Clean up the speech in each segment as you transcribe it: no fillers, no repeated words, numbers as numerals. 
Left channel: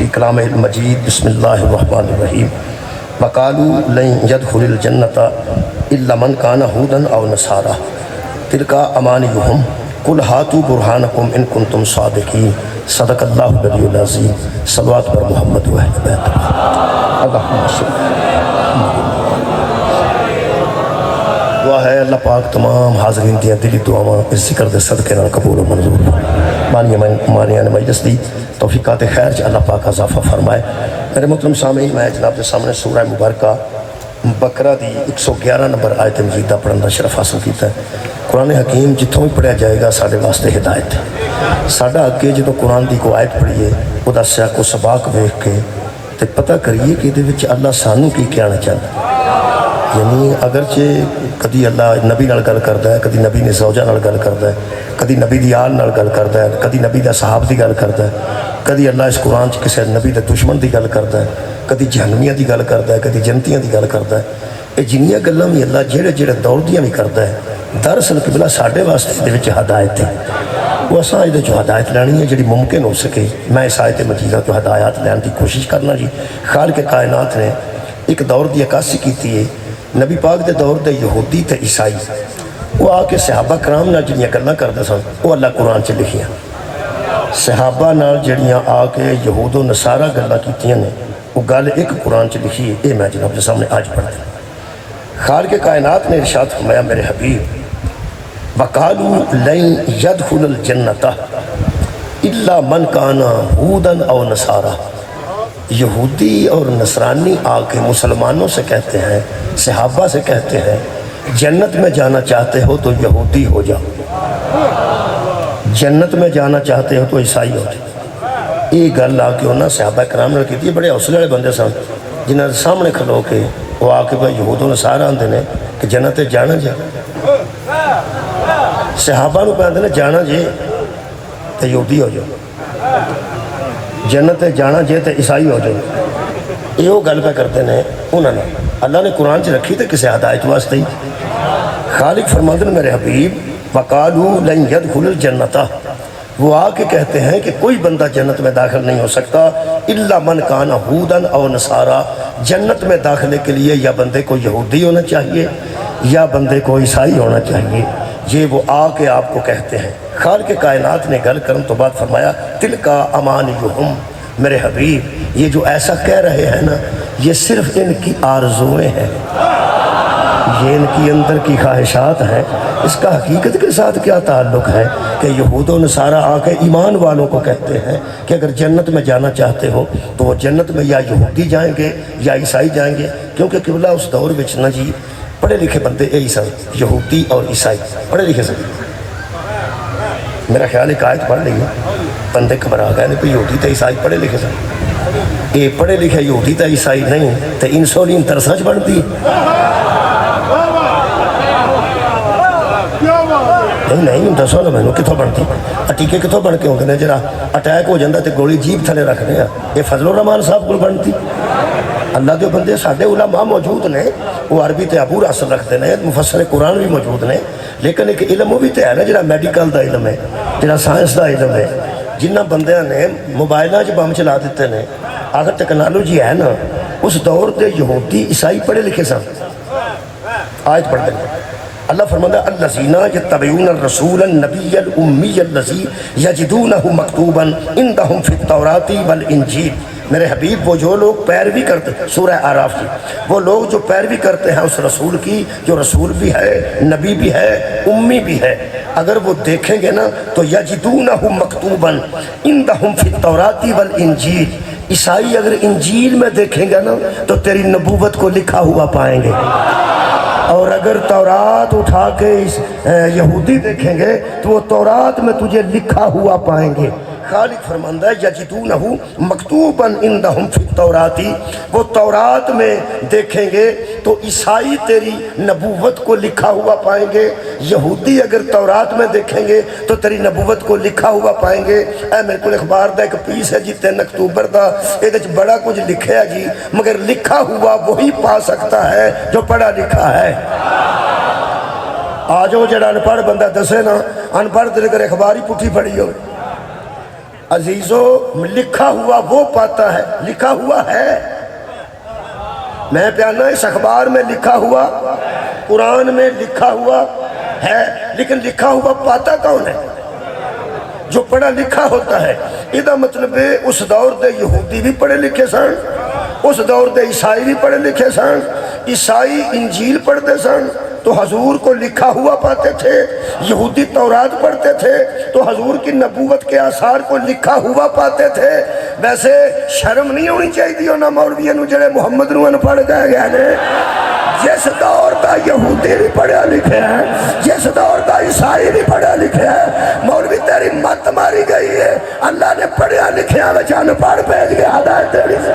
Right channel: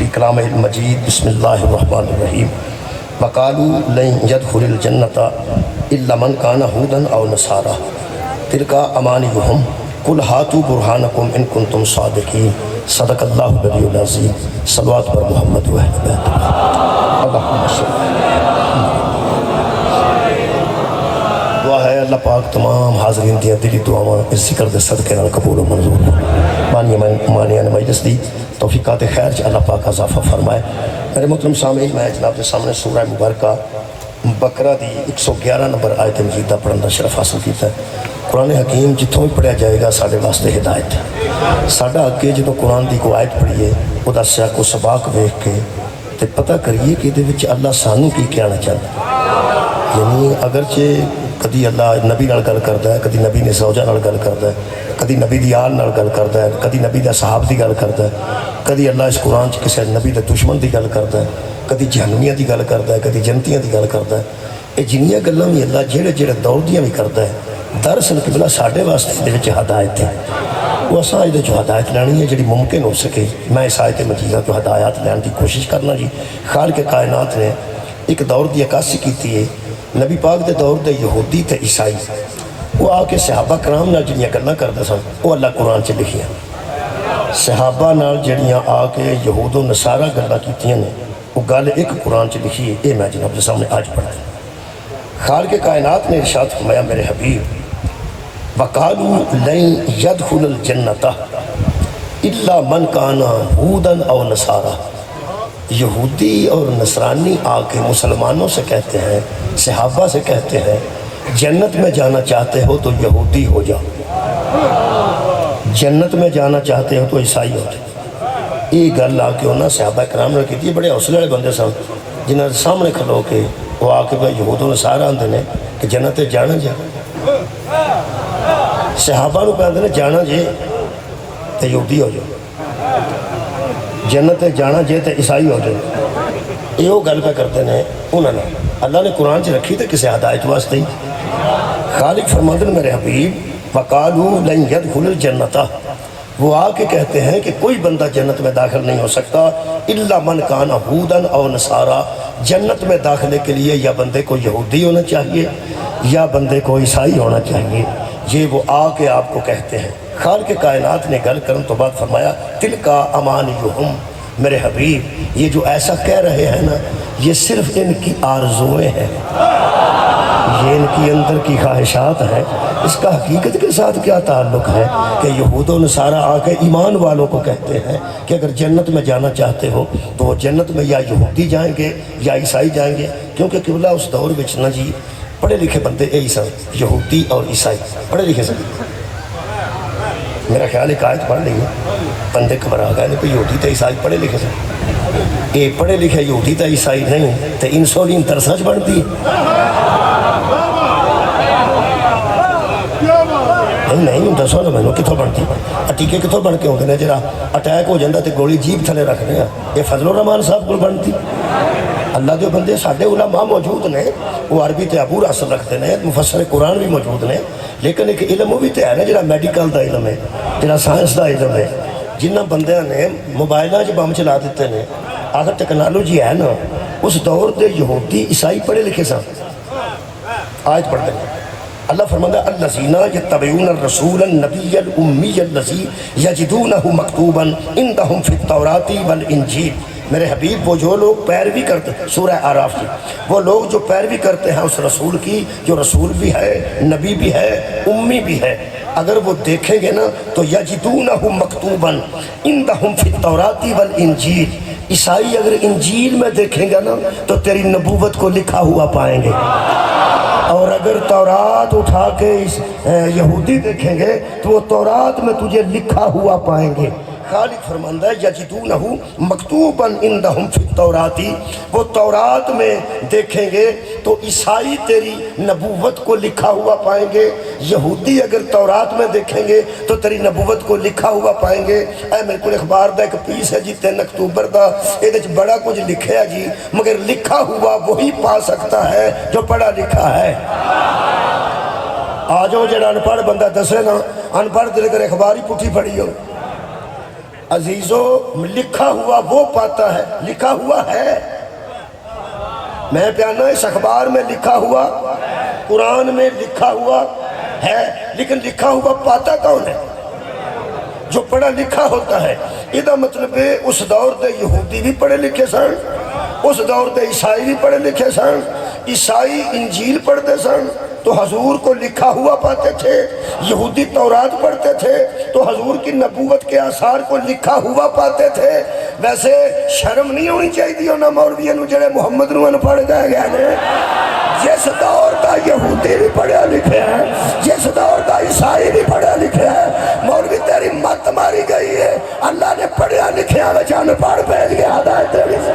فی کلام المجید بسم اللہ الرحمن الرحیم وقالوا لن يدخل الجنة الا من كان هودا او نصارى تلك امانيهم قل هاتوا برهانكم ان كنتم صادقين صدق اللہ العلی العظیم صلوات پر محمد و اہل بیت اللہم صل دعا ہے اللہ پاک تمام حاضرین دیا دلی دعاواں اس ذکر دے صدقے نال قبول و منظور مانیان مجلس دی توفیقات خیر چ اللہ پاک اضافہ فرمائے۔ میرے محترم سامعین، میں جناب کے سامنے سورہ مبارکہ بقرہ دی 111 نمبر آیت مجیدہ پڑھن دا شرف حاصل کیتا ہے۔ قرآن حکیم جتوں بھی پڑھیا جائے گا ساڑھے واسطے ہدایت ہے۔ ساڑھا اگے جدوں قرآن دی کو آیت پڑھیے او دا سیاق و سباق ویکھ کے تے پتہ کریے کہ دے وچ اللہ سانوں کی کہنا چاہتا ہے۔ یعنی اگرچہ کدی اللہ نبی نال گل کردا ہے، کدی نبی نے زوجہ نال گل کردا ہے، کدی نبی دی آل نال گل کردا ہے، کدی نبی دا صحاب دی گل کردا ہے، کدی اللہ اس قرآن چ کسی نبی دے دشمن دی گل کردا ہے، کدی جہنمیاں دی گل کردا ہے، کدی جنتیاں دی گل کردا ہے۔ یہ جنیاں گلاں بھی اللہ جڑے دور دیاں بھی کردا ہے، دراصل قبلہ ساڈے واسطے دے وچ ہدایت ہے۔ وہ اساں دے جو ہدایت لینی ہے جڑی ممکن ہو سکے، میں اس آیت مجیدہ تو ہدایات لین دی کوشش کرنا جی۔ خالق کائنات نے ایک دور دی عکاسی کیتی ہے۔ نبی پاک دے دور دے یہودی تے عیسائی وہ آ کے صحابہ کرام نال جڑیاں گلاں کردے سن وہ اللہ قرآن چ لکھیاں۔ صحابہ نال جڑیاں آ کے یہود و نصارہ گلاں کیتیاں نے وہ گل ایک قرآن چ لکھی ہے۔ یہ میں جناب کے سامنے آج پڑھتا ہوں۔ خالق کائنات نے ارشاد فرمایا میرے حبیب وَقَالُوا لَن يَدْخُلَ الْجَنَّةَ إِلَّا مَنْ كَانَ هُودًا أَوْ نَصَارَىٰ۔ یہودی اور نصرانی آ کے مسلمانوں سے کہتے ہیں، صحابہ سے کہتے ہیں جنت میں جانا چاہتے ہو تو یہودی ہو جاؤ، جنت میں جانا چاہتے ہو تو عیسائی ہو جاؤ۔ یہ گل آ کے انہوں نے صحابہ کرام نے کی بڑے حوصلے والے بندے سن، جنہوں نے سامنے کھلو کے وہ آ کے بھائی یہود و نصارہ آندے نے کہ جنت جانا جا، صحابہ نو کہتے ہیں جانا جے تو یہودی ہو جاؤ، جنت جانا جے تو عیسائی ہو جاؤ۔ یہ وہ گل پہ کرتے ہیں انہوں نے اللہ نے قرآن چ رکھی تھے کسی ہدایت واسطے ہی۔ خالق فرماتے ہیں میرے حبیب وَقَالُوا لَن يَدْخُلَ الْجَنَّةَ، وہ آ کے کہتے ہیں کہ کوئی بندہ جنت میں داخل نہیں ہو سکتا الا من کان هودا او نصارا، جنت میں داخلے کے لیے یا بندے کو یہودی ہونا چاہیے یا بندے کو عیسائی ہونا چاہیے۔ یہ وہ آ کے آپ کو کہتے ہیں۔ خالق کائنات نے گل کرن تو بعد فرمایا تلکا امانیہم، میرے حبیب یہ جو ایسا کہہ رہے ہیں نا یہ صرف ان کی آرزویں ہیں، یہ ان کی اندر کی خواہشات ہیں۔ اس کا حقیقت کے ساتھ کیا تعلق ہے کہ یہود و نصارہ آ کے ایمان والوں کو کہتے ہیں کہ اگر جنت میں جانا چاہتے ہو تو وہ جنت میں یا یہودی جائیں گے یا عیسائی جائیں گے، کیونکہ قبلہ اس دور وچ نا جی پڑھے لکھے بندے یہی سن، یہودی اور عیسائی پڑھے لکھے سن۔ میرا خیال ایک آیت پڑھ لیں گے بندے گھبرا گئے کہ یہودی تے عیسائی پڑھے لکھے سن، یہ پڑھے لکھے یہودی تے عیسائی نہیں تے انسولین ترساں بڑھتی نہیں دسو نا مینوں کتوں بنتی، ٹیکے کتوں بن کے ہوتے ہیں جرا اٹیک ہو جاتا تو گولی جیب تھلے رکھنے ہیں، یہ فضل الرحمان صاحب کو بنتی۔ اللہ کے بندے ساڈے علماء موجود نے، وہ عربی تے عبور اصل رکھتے ہیں، مفسر قرآن بھی موجود نے، لیکن ایک علم وہ بھی تو ہے نا جڑا میڈیکل دا علم ہے، جڑا سائنس دا علم ہے۔ جنہ بندیاں نے موبائلاں چ بم چلا دیتے ہیں، اگر ٹیکنالوجی ہے نا اس دور دے یہودی عیسائی پڑھے لکھے سن۔ آیت پڑھتے ہیں اللہ فرماتا ہے الذین یتبعون الرسول النبی الامی الذی یجدونہ مکتوبا عندہم فی التوراۃ والانجیل، میرے حبیب وہ جو لوگ پیروی کرتے سورہ اعراف کی، وہ لوگ جو پیروی کرتے ہیں اس رسول کی جو رسول بھی ہے نبی بھی ہے امی بھی ہے، اگر وہ دیکھیں گے نا تو یجدونہ مکتوبا عندہم فی التوراۃ والانجیل، عیسائی اگر انجیل میں دیکھیں گے نا تو تیری نبوت کو لکھا ہوا پائیں گے، اور اگر تورات اٹھا کے یہودی دیکھیں گے تو وہ تورات میں تجھے لکھا ہوا پائیں گے۔ خالق فرماندہ ہے یجدونہ مکتوبا عندہم فی التوراۃ، وہ تورات میں دیکھیں گے تو عیسائی تیری نبوت کو لکھا ہوا پائیں گے، یہودی اگر تورات میں دیکھیں گے تو تیری نبوت کو لکھا ہوا پائیں گے۔ اے میرے کو اخبار دا ایک پیس ہے جی 3 اکتوبر دا، یہ بڑا کچھ لکھے ہے جی، مگر لکھا ہوا وہی پا سکتا ہے جو پڑھا لکھا ہے۔ آجو جڑا ان پڑھ بندہ دسے نا، ان پڑھ دل کر اخبار ہی پٹھی پڑھی ہو، عزیزو لکھا ہوا وہ پاتا ہے، لکھا ہوا ہے، میں پیانا اس اخبار میں لکھا ہوا، قرآن میں لکھا ہوا ہے، لیکن لکھا ہوا پاتا کون ہے؟ جو پڑھا لکھا ہوتا ہے۔ یہ مطلب ہے اس دور دے یہودی بھی پڑھے لکھے سن، اس دور دے عیسائی بھی پڑھے لکھے سن، عیسائی انجیل پڑھتے سن تو حضور کو لکھا ہوا پاتے تھے، یہودی تورات پڑھتے تھے تو حضور کی نبوت کے آثار کو لکھا ہوا پاتے تھے۔ ویسے شرم نہیں ہونی چاہیے نہ مولویوں نو جڑے محمد نو پڑھ گئے گئے نے، جس دور کا یہودی بھی پڑھا لکھے ہے، جس دور کا عیسائی بھی پڑھا لکھے ہے، مولوی تیری مت ماری گئی ہے، اللہ نے پڑھا لکھے ہے جان پڑھ بھیج گیا ہے تیری سے۔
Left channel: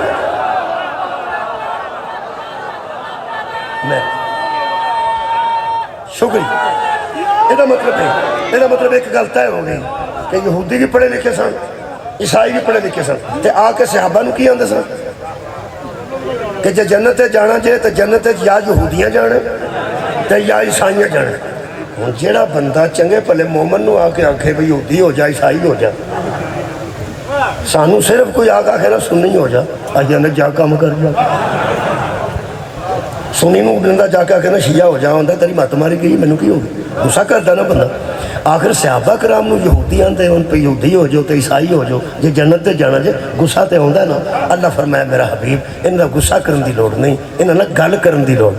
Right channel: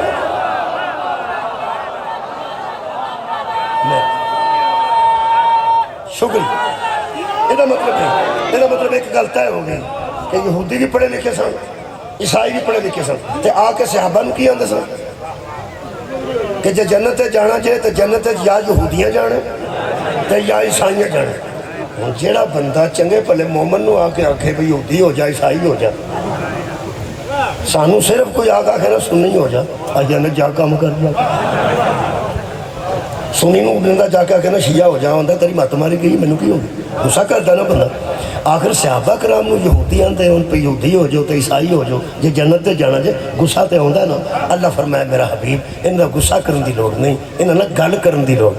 شکریہ۔ یہ مطلب ایک غلط ہے ہو گئی کہ یہودی بھی پڑھے لکھے سن، عیسائی بھی پڑھے لکھے سن، تے آ کے صحابہ نو کی آندے سن کہ جے جنت جانا جے تو جنت یا یہودیاں جانے تے یا عیسائیاں جانے۔ جیڑا بندہ چنگے پلے مومن نو آ کے آنکھے بھی یہودی ہو جائے عیسائی ہو جائے، سانو صرف کوئی آگا کہنا سنی ہو جائے، آجاں نے جا کام کر جا سنی نو بندہ جا کے کہنا شیعہ ہو جائے، تیری مات ماری گئی میں نے کی ہوگی، غصہ کرتا نا بندہ۔ آخر صحابہ کرام نو یہودی آندے ان پہ یہودی ہو جو تے عیسائی ہو جو، جے جنت تے جانا جے غصہ تے ہوندہ ہے نا۔ اللہ فرمایا میرا حبیب انہاں غصہ کرن دی لوڑ نہیں، انہاں گل کرن دی لوڑ،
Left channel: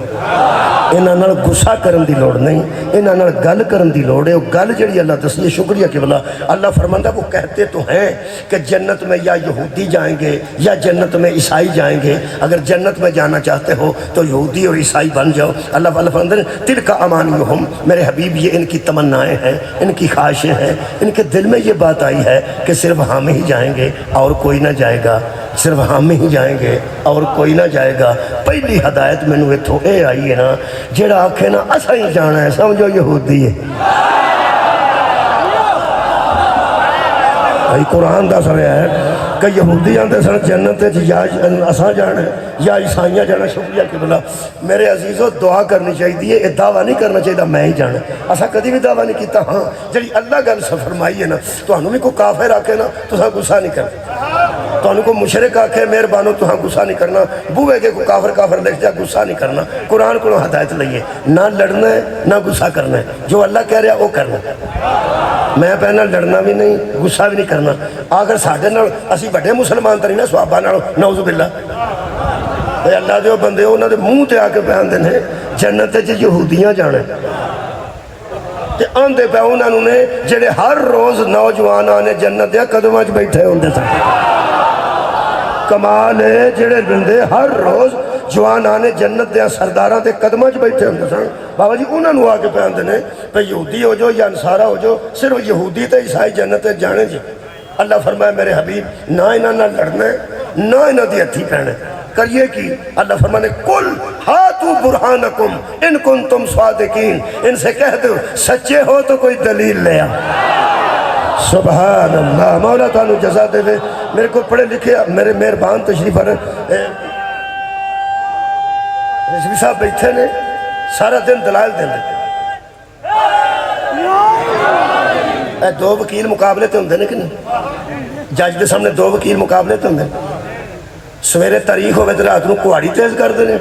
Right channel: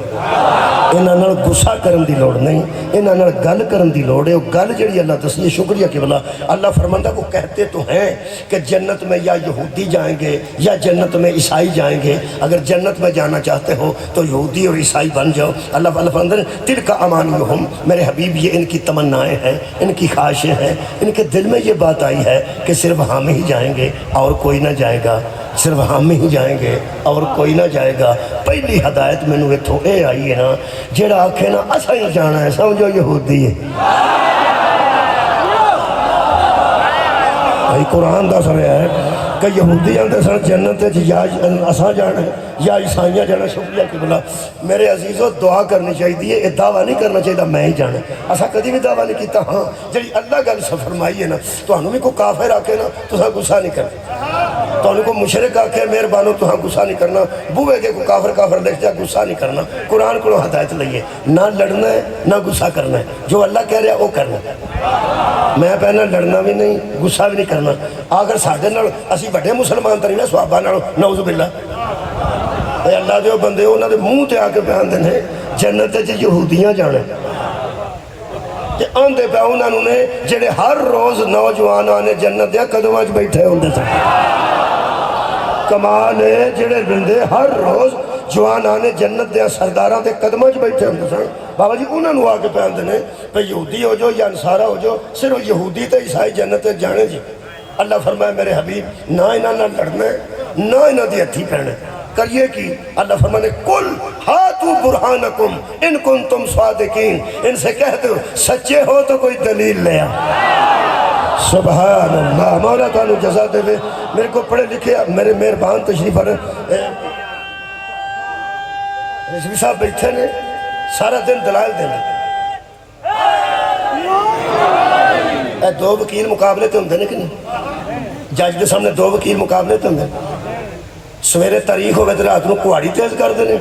انہاں غصہ کرن دی لوڑ نہیں، انہاں گل کرن دی لوڑ ہے۔ وہ گل جڑی اللہ تسلیہ شکریہ کہ بلا اللہ فرماندہ وہ کہتے تو ہیں کہ جنت میں یا یہودی جائیں گے یا جنت میں عیسائی جائیں گے، اگر جنت میں جانا چاہتے ہو تو یہودی اور عیسائی بن جاؤ۔ اللہ فرماندہ تلک امانیہم، میرے حبیب یہ ان کی تمنائیں ہیں، ان کی خواہشیں ہیں، ان کے دل میں یہ بات آئی ہے کہ صرف ہم ہی جائیں گے اور کوئی نہ جائے گا، صرف ہم ہی جائیں گے اور کوئی نہ جائے گا۔ پہلی ہدایت میں نے اتھو اے آئی ہے نا، جیڑا آکھے نا اسا ہی جانا ہے سمجھو یہودی ہے۔ بھائی قرآن دا سویا ہے کہ یہودی آندے سن جنت یا اسا جانا ہے یا عیسائیاں جانا۔ شکریہ کہ بلا میرے عزیزو دعا کرنی چاہیے، یہ دعویٰ نہیں کرنا چاہیے میں ہی جانا، اسا کدی بھی دعویٰ نہیں کیتا۔ ہاں جڑی اللہ گل فرمائی ہے نا، تو ہنو بھی کوئی کافر آکے نا تو ہاں غصہ نہیں کرنا، تو ہنو کو مشرک آکے مہربانو تو ہاں غصہ نہیں کرنا، بوئے کے کوئی کافر لکھ جا غصہ نہیں کرنا۔ قرآن کو ہدایت لئیے، نہ لڑنا ہے نہ غصہ کرنا ہے، جو اللہ کہہ رہا ہے وہ کرنا ہے۔ میں پہنا لڑنا بھی نہیں غصہ بھی نہیں کرنا۔ اگر ساڑھے نال اسی بڑے مسلمان تری نا صحابہ نالو نعوذ باللہ، اے اللہ دے بندے انہوں نے منہ تے آکے پہن دینے جنت جی یہودیاں جانے تے آندے پہ انہوں نے جڑے ہر روز نوجوان آنے جنت دیا قدم آج بیٹھے ہوندے تھے۔ کمال ہے جڑے بندے ہر روز جوان آنے جنت دیا سردارہ تے قدمہ جو بیٹھے ہوندے سن، بابا جی انہوں نے آگے پہ آندے پہ یہودی ہو جو یا انصارہ ہو جو، صرف یہودی تے عیسائی جنت جانے جی۔ اللہ فرمائے میرے حبیب نہ انہاں نہ لڑنا ہے نہ انہاں دی ہتھی پہنے کریے کی۔ اللہ فرمانے کل ہاتو برہانکم ان کنتم صادقین، ان سے کہہ دو سچے ہو تو کوئی دلیل لے آ۔ سبحان اللہ، مولا تعالیٰ جزا دے دے۔ میرے کو پڑھے لکھے میرے مہربان تشریف ہے رضوی صاحب بیٹھے نے سارا دن دلائل دیں دے، اے دو وکیل مقابلے تے ہوندے نے کہ نہیں، جج دے سامنے دو وکیل مقابلے تے ہوندے، سویرے تاریخ ہوئے تے رات نو کوہاڑی تیز کر دینے،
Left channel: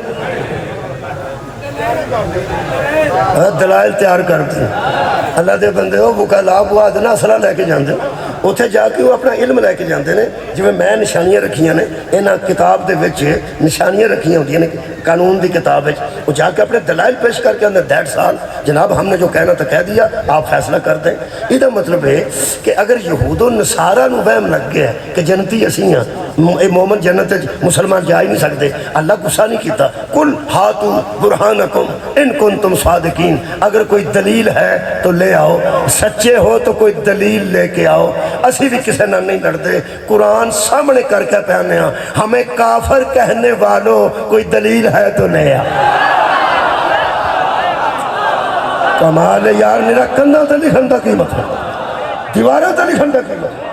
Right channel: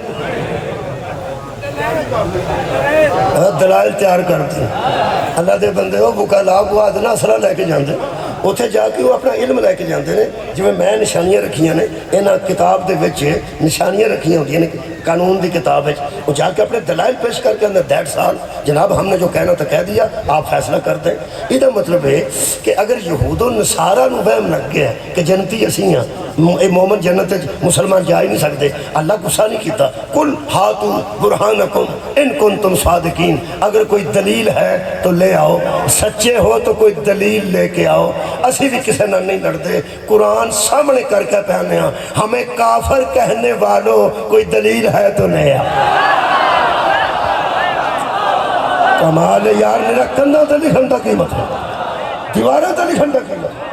دلائل تیار کرتے ہیں۔ اللہ دے بندے ہو وکلا بواد نا اصلہ لے کے جاندے اتھے جا کے وہ اپنا علم لے کے جاندے نے، جو میں نشانیاں رکھیاں نے انہاں کتاب دے وچ نشانیاں رکھیاں ہوتی ہیں قانون دی کتاب وچ، وہ جا کے اپنے دلائل پیش کر کے اندر دیٹ سال جناب ہم نے جو کہنا تھا کہہ دیا آپ فیصلہ کر دیں۔ یہ مطلب ہے کہ اگر یہود و نصارہ نو وہم لگ گیا کہ جنتی اسی ہیں اے مومن جنت مسلمان جا ہی نہیں سکتے، اللہ غصہ نہیں کیتا۔ کل ہاتو برہانکم ان کنتم صادقین، اگر کوئی دلیل ہے تو لے آؤ، سچے ہو تو کوئی دلیل لے کے آؤ۔ اسی بھی کسے نہ نہیں لڑتے، قرآن سامنے کر کے پہنے ہیں، ہمیں کافر کہنے والوں کوئی دلیل ہے تو لے آؤ۔ کمال یار میرا کندہ تا لکھن دا کی مطلب، دیوارہ تا لکھن دا کی مطلب،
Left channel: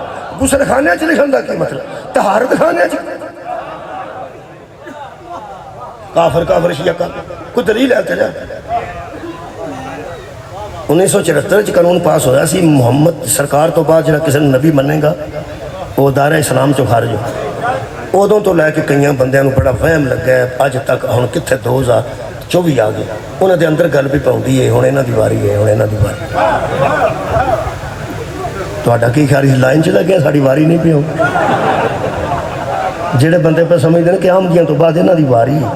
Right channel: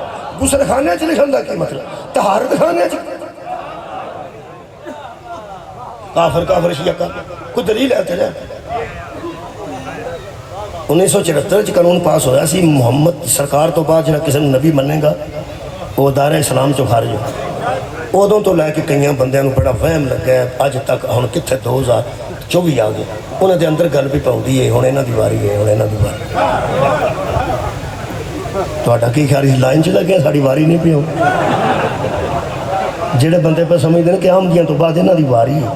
غسل خانے چ لکھن دا کی مطلب، طہارت خانے چ کافر شیعہ کا کوئی دلیل ہے تیرے۔ 1974 قانون پاس ہویا سی محمد سرکار تو بعد جنہا کسی نبی منے گا وہ دار اسلام چو خارج ہو ادوں تو لے کے کئی بندیاں بڑا وہم لگا ہے اج تک ہن کتنے 2024 آ گئے انہوں دے اندر گل بھی پاؤندی ہے ہن انہاں دی واری ہے ہن انہاں دی واری تہاڈا کی خیال اس لائن چ لگے ساڈی واری نہیں پی جڑے بندے پہ سمجھتے ہیں کہ آمدیاں تو بعد انہاں دی واری ہے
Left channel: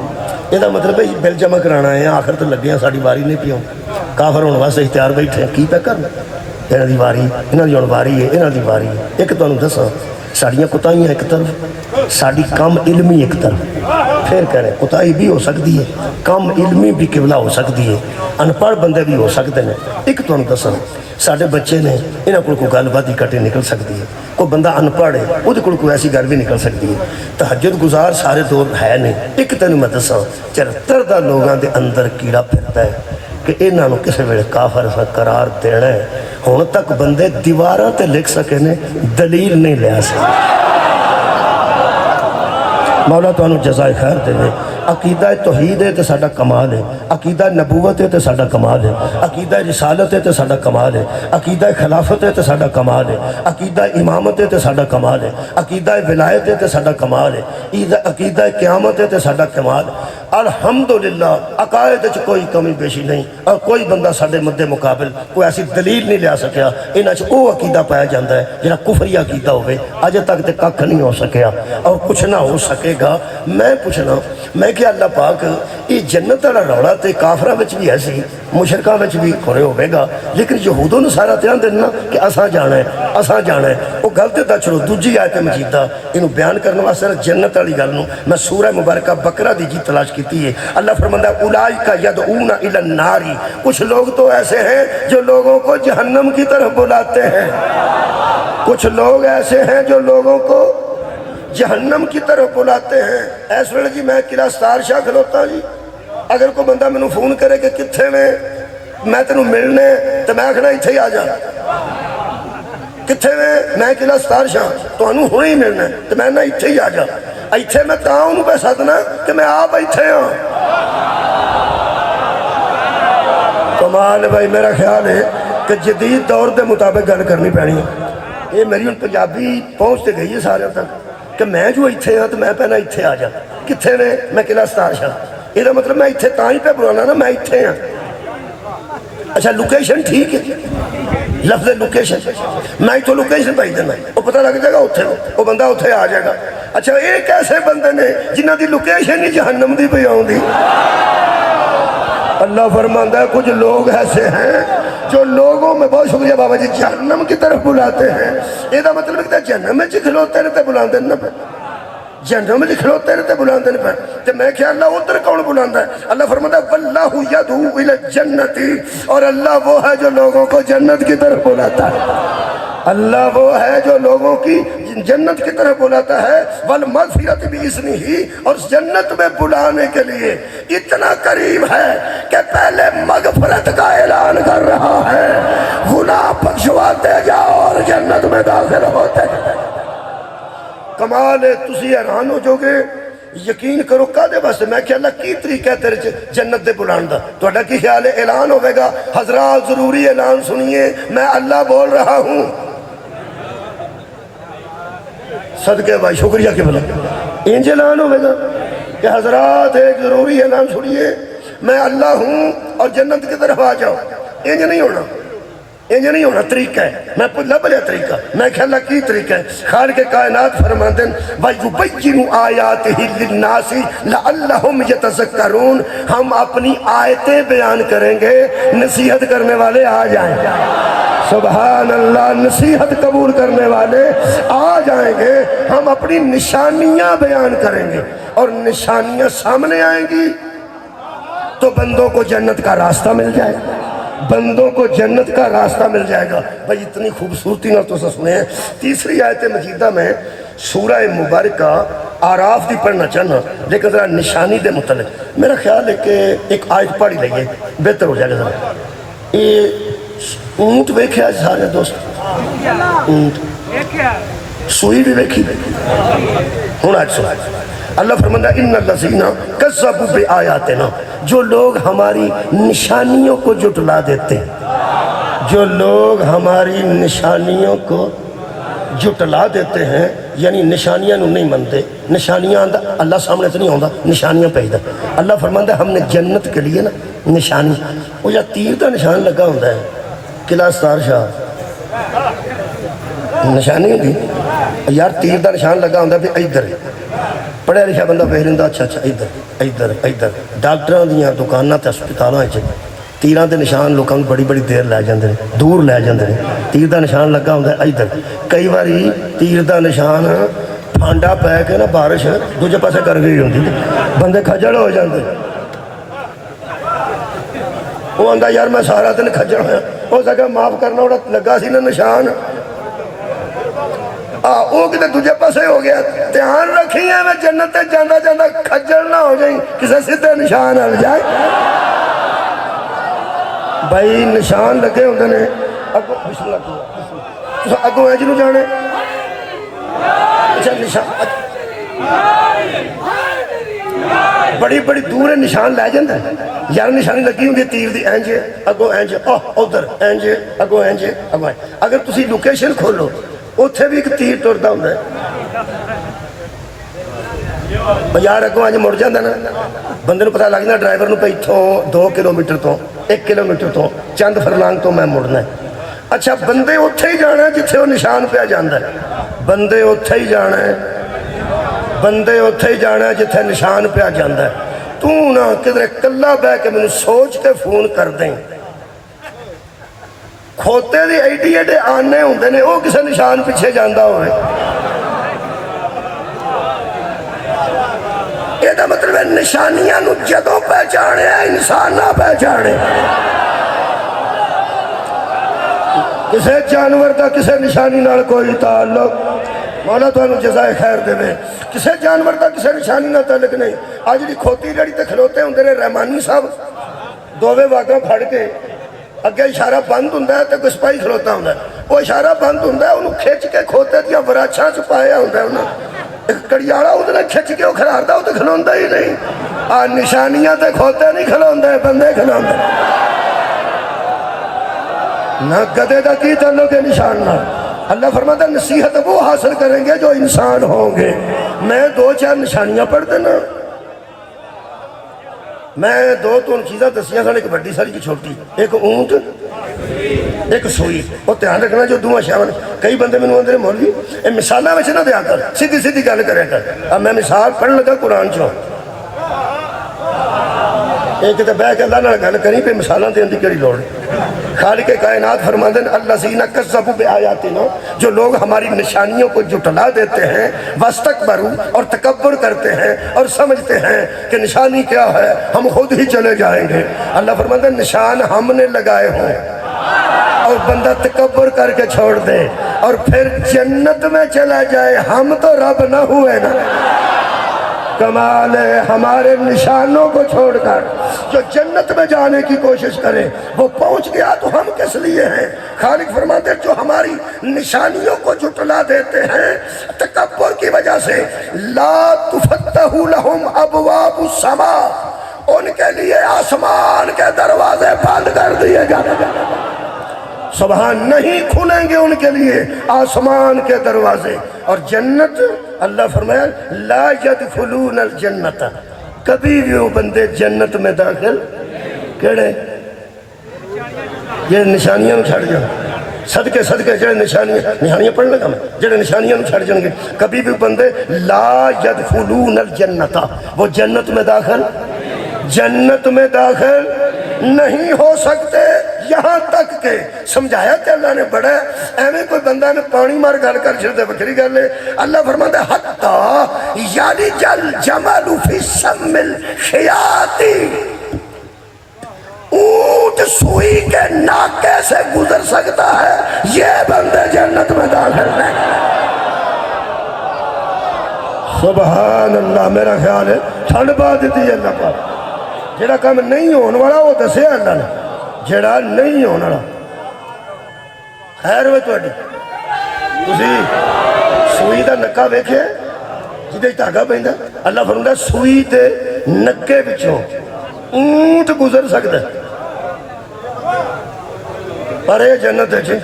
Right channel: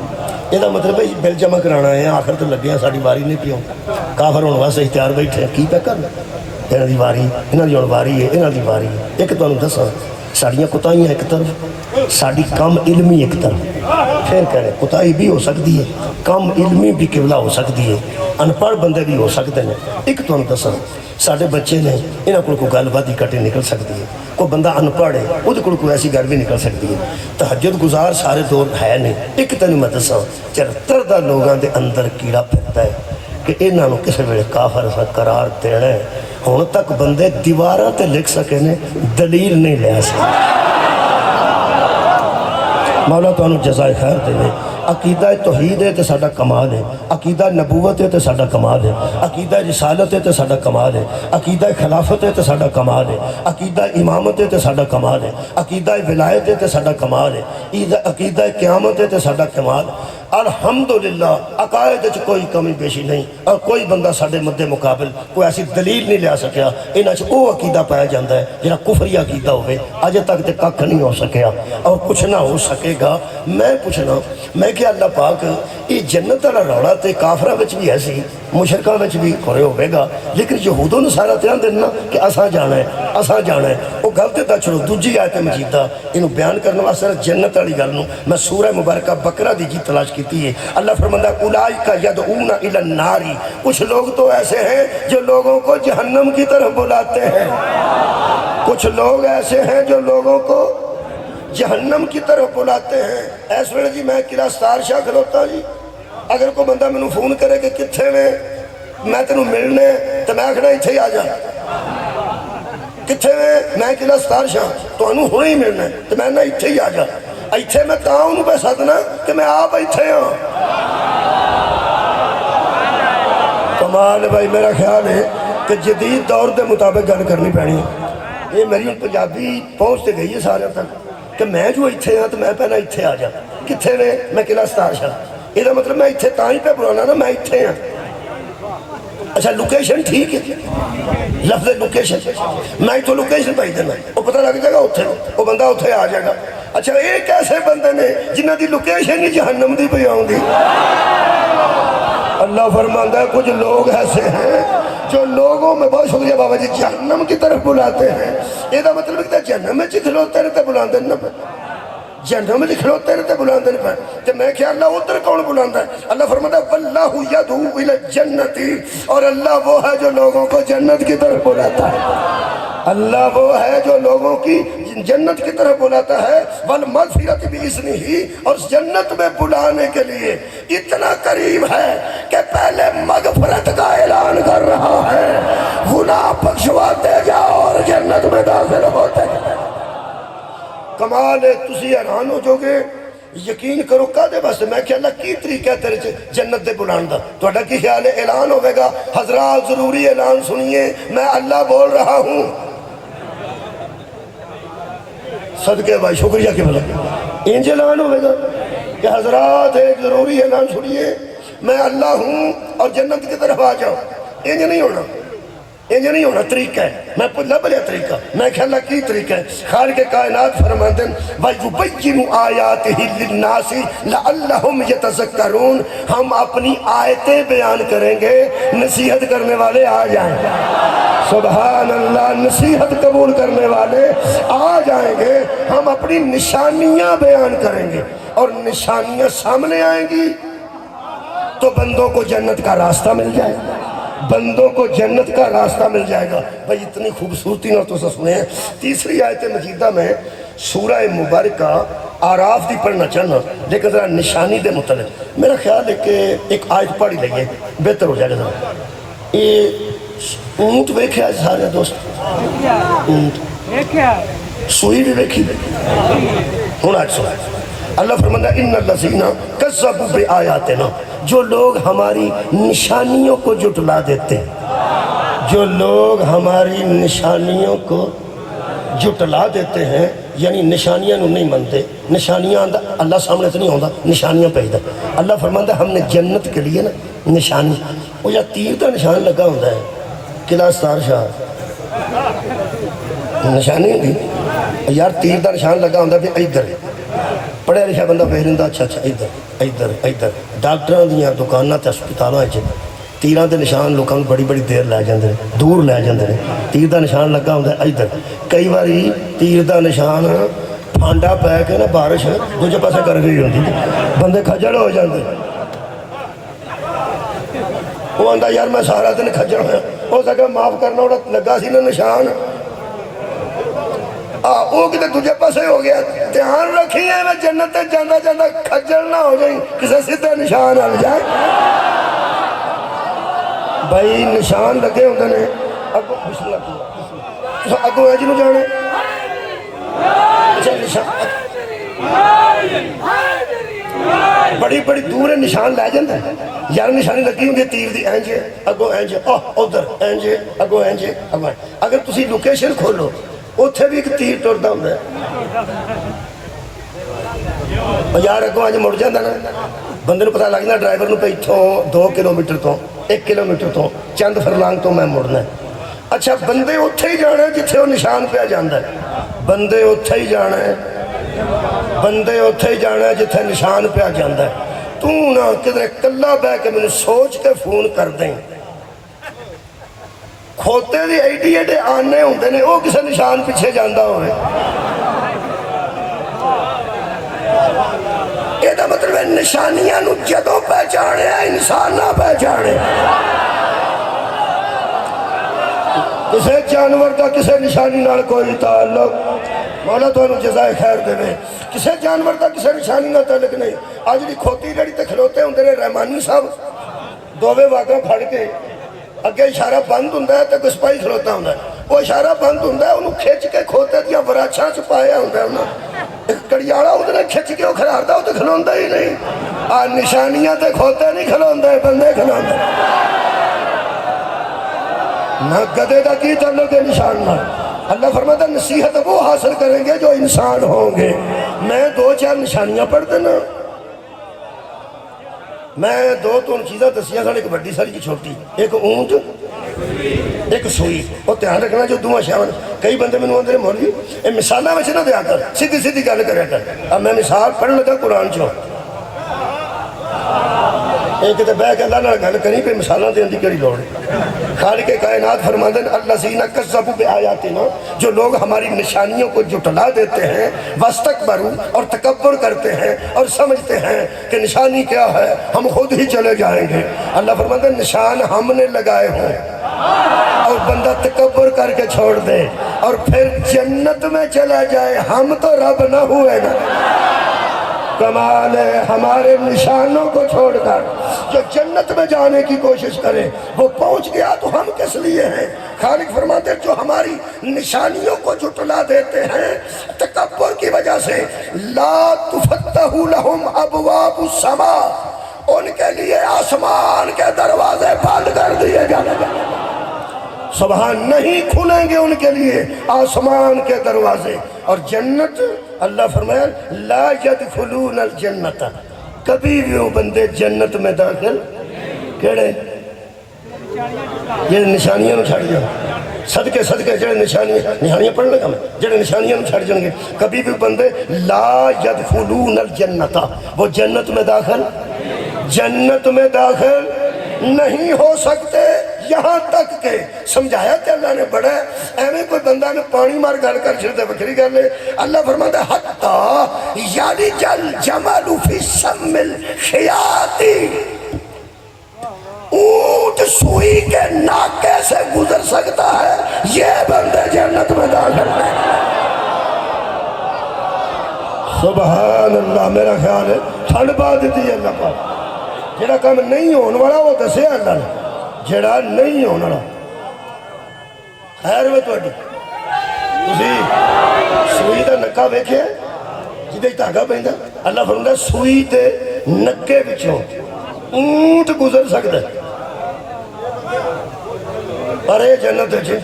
یہ مطلب ہے بل جمع کرانا ہے آخر تو لگے ہیں ساڈی واری نہیں پیو کافر ہونے واسطے اختیار بیٹھے ہیں کی پہ کرنا یہاں دی واری انہاں دی ہن واری ہے انہاں دی واری ہے ایک تمہیں دساں ساڑیاں کتائیاں ایک طرف ساڑی کم علمی ایک طرف پھر کہہ رہے کتائی بھی ہو سکتی ہے کم علمی بھی قبلہ ہو سکتی ہے انپڑھ بندے بھی ہو سکتے ہیں ایک تمہیں دساں ساڑے بچے نے انہاں کو گل بات اکٹھے نکل سکتی ہے کوئی بندہ انپڑھ ہے وہ کوئی ایسی گل بھی نکل سکتی ہے تہجد گزار سارے دور ہے نہیں ایک تینوں میں دساں 74 دا لوگاں دے اندر کیڑا پھرتا ہے کہ انہاں نوں کسے ویلے کافر قرار دینا ہے ہن تک بندے دیواراں تے لکھ سکے نے دلیل نہیں لے سکے مولا تانوں جزائے خیر دے عقیدہ توحید ہے تو ساڈا کمال ہے عقیدہ نبوت ہے تو ساڈا کمال ہے عقیدہ رسالت ہے تو ساڈا کمال ہے عقیدہ خلافت ہے تو ساڈا کمال ہے عقیدہ امامت ہے تو ساڈا کمال ہے عقیدہ ولایت ہے تو ساڈا کمال ہے عقیدہ قیامت ہے تو ساڈا کمال الحمدللہ عقائد وچ کوئی کمی بیشی نہیں اور کوئی بندہ ساڈے مد مقابل کوئی ایسی دلیل نہیں لیا سکیا انہاں چ وہ عقیدہ پایا جاتا ہے جہاں کفری عقیدہ ہوئے اج تک تے ککھ نہیں ہو سکیا اور کچھ نہ ہو سکے گا میں پوچھنا میں کہ اللہ پاک یہ جنت والا روڑا تے کافراں وچ بھی ہے سی مشرکاں وچ بھی کھڑے ہوے گا لیکن یہودوں نے سارا دھیان دینا کہ اساں جانا ہے وہ گل تے دا چھڑو دوجی آیت مجیدہ انہوں بیان کرنے واسطے جنت والی گل نوں میں سورہ مبارکہ بقرہ دی جی تلاش کیتی ہے اللہ فرماندا اولئک یدعون الی النار کچھ لوگ تو ایسے ہیں جو لوگوں کو جہنم کی طرف بلاتے ہیں کچھ لوگ ایسے ہیں جو لوگوں کو جہنم کی طرف بلاتے ہیں ایس ویلے جی میں قلعہ ستار شاہ کھلوتا جی اگر کوئی بندہ میں فون کرے کہ کتھے میں تینوں ملنے تو میں آکھنا اتھے ہی آ جا کتھے میں قلعہ ستار شاہ تو انہوں ہونے ہی ملنا تو میں نہ اتھے ہی آ جا اتھے میں تاں انہوں پہ ساتھنا کہ میں آپ اتھے ہوں کمال بھائی میرا خیال ہے کہ جدید دور دے مطابق گل کرنی پڑی ہے یہ میری پنجابی پہنچتے گئی ہے سارے تک کہ میں جو اتھے ہاں تو میں پہنا اتھے آ جا کتھے میں قلعہ ستار شاہ یہ مطلب میں اتھے تاں ہی پہ بلانا نا میں اتھے ہاں اچھا لوکیشن ٹھیک ہے لفظ لوکیشن میں تو لوکیشن پائی دینا وہ پتہ لگ جائے گا اتھے وہ بندہ اتھے آ جائے گا اچھا ایک ایسے بندے نے جنہ دی لوکیشن ہی جہنم دی پہ آؤں دی اللہ فرماندہ ہے کچھ لوگ ایسے ہیں جو لوگوں میں بہت شکریہ بابا جی جہنم کی طرف بلاتے ہیں یہ دا مطلب ہے جہنم میں کھلوتے رہتے بلاندے نہ پہ جہنم میں کھلوتے رہتے بلاندے نہ پہ تو میں کیا اللہ ادھر کون بلاندہ ہے اللہ فرماتا ہے واللہ یدعو الی الجنتی اور اللہ وہ ہے جو لوگوں کو جنت کی طرف بلاتا ہے اللہ وہ ہے جو لوگوں کی جنت کی طرف بلاتا ہے والمغفرت بِإِذْنِهِ اور جنت میں بلانے کے لیے اتنا قریب ہے کہ پہلے مغفرت کا اعلان کر رہا ہے گناہ بخشواتے جاؤ اور جنت میں داخل ہوتے کمال ہے تسی حیران ہو جو گے یقین کرو کادے بس میں کہ اللہ کی طریقہ ہے تیرے جنت دے بلان دا تو اڈا کی خیال ہے اعلان ہوئے گا حضرات ضروری اعلان سنیے میں اللہ بول رہا ہوں صدقے بھائی شکریہ کے بلے انج اعلان ہوئے گا کہ حضرات ایک ضروری اعلان سنیے میں اللہ ہوں اور جنت کی طرف آ جاؤ انج نہیں ہونا انج نہیں ہونا طریقہ ہے میں لب لیا طریقہ میں کہ اللہ کی طریقہ ہے خالق کائنات فرماندن وَيُبَيِّنُ آیَاتِهِ لِلنَّاسِ لَعَلَّهُمْ يَتَذَكَّرُونَ ہم اپنی آیتیں بیان کریں گے نصیحت کرنے والے آ جائیں گے سبحان اللہ نصیحت قبول کرنے والے آ جائیں گے ہم اپنی نشانیاں بیان کریں گے اور نشانیاں سامنے آئیں گی تو بندوں کو جنت کا راستہ مل جائے گا بندوں کو جنت کا راستہ مل جائے گا بھائی اتنی خوبصورتی نہ تو سنے ہیں تیسری آیت مجیدہ میں سورہ مبارکہ آراف دی پڑھنا چاہنا لیکن ذرا نشانی دے متعلق میرا خیال ہے کہ ایک آیت پڑھی لگے بہتر ہو جائے گا ذرا یہ اونٹ ویکھے آج سارے دوست اونٹ سوئی بھی ویکھی ہوں آج سوئی اللہ فرماتا ہے ان الذین کذبوا بآیاتنا جو لوگ ہماری نشانیوں کو جھٹلا دیتے جو لوگ ہماری نشانیوں کو جٹلا دیتے ہیں یعنی نشانیاں نو نہیں منتے نشانیاں اللہ سامنے سے نہیں ہوتا نشانیاں پیدا اللہ فرماتا ہے ہم نے جنت کے لیے نا نشانی وہ یا تیر کا نشان لگا ہوتا ہے قلعہ ستار شاہ نشانی ہوتی یار تیر کا نشان لگا ہوتا ہے ادھر پڑھا لکھا بندہ پہرندہ اچھا ادھر ادھر ادھر ڈاکٹراں دیاں دکاناں تے ہسپتالاں وچ تیراں دے نشان لوکاں بڑی بڑی دیر لے جاندے دور لے جاندے تیر دا نشان لگا ہوندا ہے ادھر کئی باری تیر دا نشان پھانڈا پے کے نا بارش دوجے پاسے کر گئی ہوندی بندے کھجڑ ہو جاندے وہ آندا یار میں سارا دن کھجڑ ہوا ہو سکے معاف کرنا اوڑا لگا سی نا نشان وہ کتے دوجے پاسے ہو گیا دھیان رکھی ہے میں جنت تے جاندہ جاندہ کھجڑ نہ ہو جائیں کسے سدھے نشان آ جائے بھائی نشان لگے ہوندے نے بسم اللہ اگوں ہے جنہوں جانے اچھا نشان بڑی بڑی دور نشان لے جاندہ ہے یار نشانی لگی ہوندی تیر دی اینجے اگوں اینجے ادھر اینجے اگوں اینجے اگوں اگر تسی لوکیشن کھولو اتھے بھی ایک تیر ٹردا ہوندا ہے یار اگوں آج مڑ جاندہ نا بندے نو پتہ لگنا ڈرائیور نو پہ اتھوں 2 کلومیٹر تو 1 کلومیٹر تو چند فرلانگ تو میں مڑنا ہے اچھا بندے اتھے ہی جانا ہے جتھے وہ نشان پہ جاندہ ہے بندے اتھے ہی جانا ہے بندے اتھے ہی جانا ہے جتھے نشان پہ جاندہ ہے تو نا کدھر کلہ بے کے میں سوچ کے فون کر دیں کھوتے دی ایڈے آنے ہوندے نے وہ کسے نشان پیچھے جاندہ ہوئے یہ دا مطلب ہے نشانیاں نو جدوں پہچانے ہیں انسان نہ پہچانے کسے جانور دا کسے نشانی نال کوئی تعلق مولا تو انہوں جزائے خیر دے میں کسے جانور دا کسے نشانی نہ تعلق نہیں آج دی کھوتی جڑی تے کھلوتے ہوندے نے رحمانی صاحب دووے واقعہ پھڑ کے اگے اشارہ بند ہوندہ ہے تو کوئی سپاہی کھلوتا ہوندہ ہے وہ اشارہ بند ہوندہ ہے انہوں کھیچ کے کھوتے دیا وراچھاں چھپایا ہوندہ ہے انہوں ایک کڑیاڑا ہوندہ ہے کھیچ کے وہ کھلاردہ ہو تو کھلوندہ ہی نہیں نشانیاں تے کھوتے نہیں کھلوندہ ہے بندے کھلوندہ نہ گدے دا کی تعلق ہے نشان نہ اللہ فرماتا ہے نصیحت وہ حاصل کریں گے جو انسان ہوں گے میں 2-4 نشانیاں پڑھ دینا میں 2-3 چیزیں دسیاں سن ایک بڑی ساری کی چھوٹی ایک اونٹ ایک سوئی وہ دھیان رکھنا جو دونوں شامل کئی بندے میں نے مولوی یہ مثالہ میں نہ دیا کر سیدھی سیدھی گل کرے کر اب میں مثال پڑھنے لگا قرآن چوں ایک تو بہ کے اللہ نہ گل کری پہ مثالہ دین دی کری لوڑ خالق کائنات فرماتے ہیں الذین کذبوا بآیاتنا جو لوگ ہماری نشانیوں کو جھٹلا دیتے ہیں واستکبروا اور تکبر کرتے ہیں اور سمجھتے ہیں کہ نشانی کیا ہے ہم خود ہی چلے جائیں گے اللہ فرماتے ہیں نشان ہم نے لگائے ہوں اور بندہ تکبر کر کے چھوڑ دے اور پھر جنت میں چلا جائے ہم تو رب نہ ہوئے نا کمال ہے ہمارے نشانوں کو چھوڑ کر جو جنت میں جانے کی کوشش کرے وہ پہنچ گیا تو ہم کس لیے ہیں خالق فرماتے ہیں جو ہماری نشانیوں کو جھٹلا دیتے ہیں تکبر کی وجہ سے لا تفتح لهم ابواب السماء ان کے لیے آسمان کے دروازے بند کر دیے جانے سبحان نہیں کھلیں گے ان کے لیے آسمان کے دروازے اور جنت اللہ فرمایا لا يدخلون الجنت کبھی بھی وہ بندے جنت میں داخل کیڑے یہ نشانیاں چھڑ جائیں صدقے جڑے نشانیاں پڑھ لگا میں جڑے نشانیاں چھڑ جائیں گے کبھی بھی بندے لا يدخلون الجنت وہ جنت میں داخل نہیں ہو سکتے یہاں تک کہ سمجھایا کہ اللہ نے بڑا ہے ایویں کوئی بندہ نے پانی مار گل کر چھڑ دے بکری کر لے اللہ فرماتا ہے حتی یلج الجمل فی سم الخیاط اونٹ سوئی کے ناکے سے گزر سکتا ہے یہ بندے جنت میں داخل ہے سبحان اللہ میرا خیال ہے ٹھنڈ پا دیتی ہے اللہ کا جڑا کام نہیں ہونے والا وہ دسے اللہ نے جڑا نہیں ہونے والا خیر ہوئے توڑی اسی سوئی دا نکا بیکھے جدے تاگا پہندہ اللہ فرمودہ سوئی دے نکے بچوں اونٹ گزر سکتا ہے ارے جنت ہے جی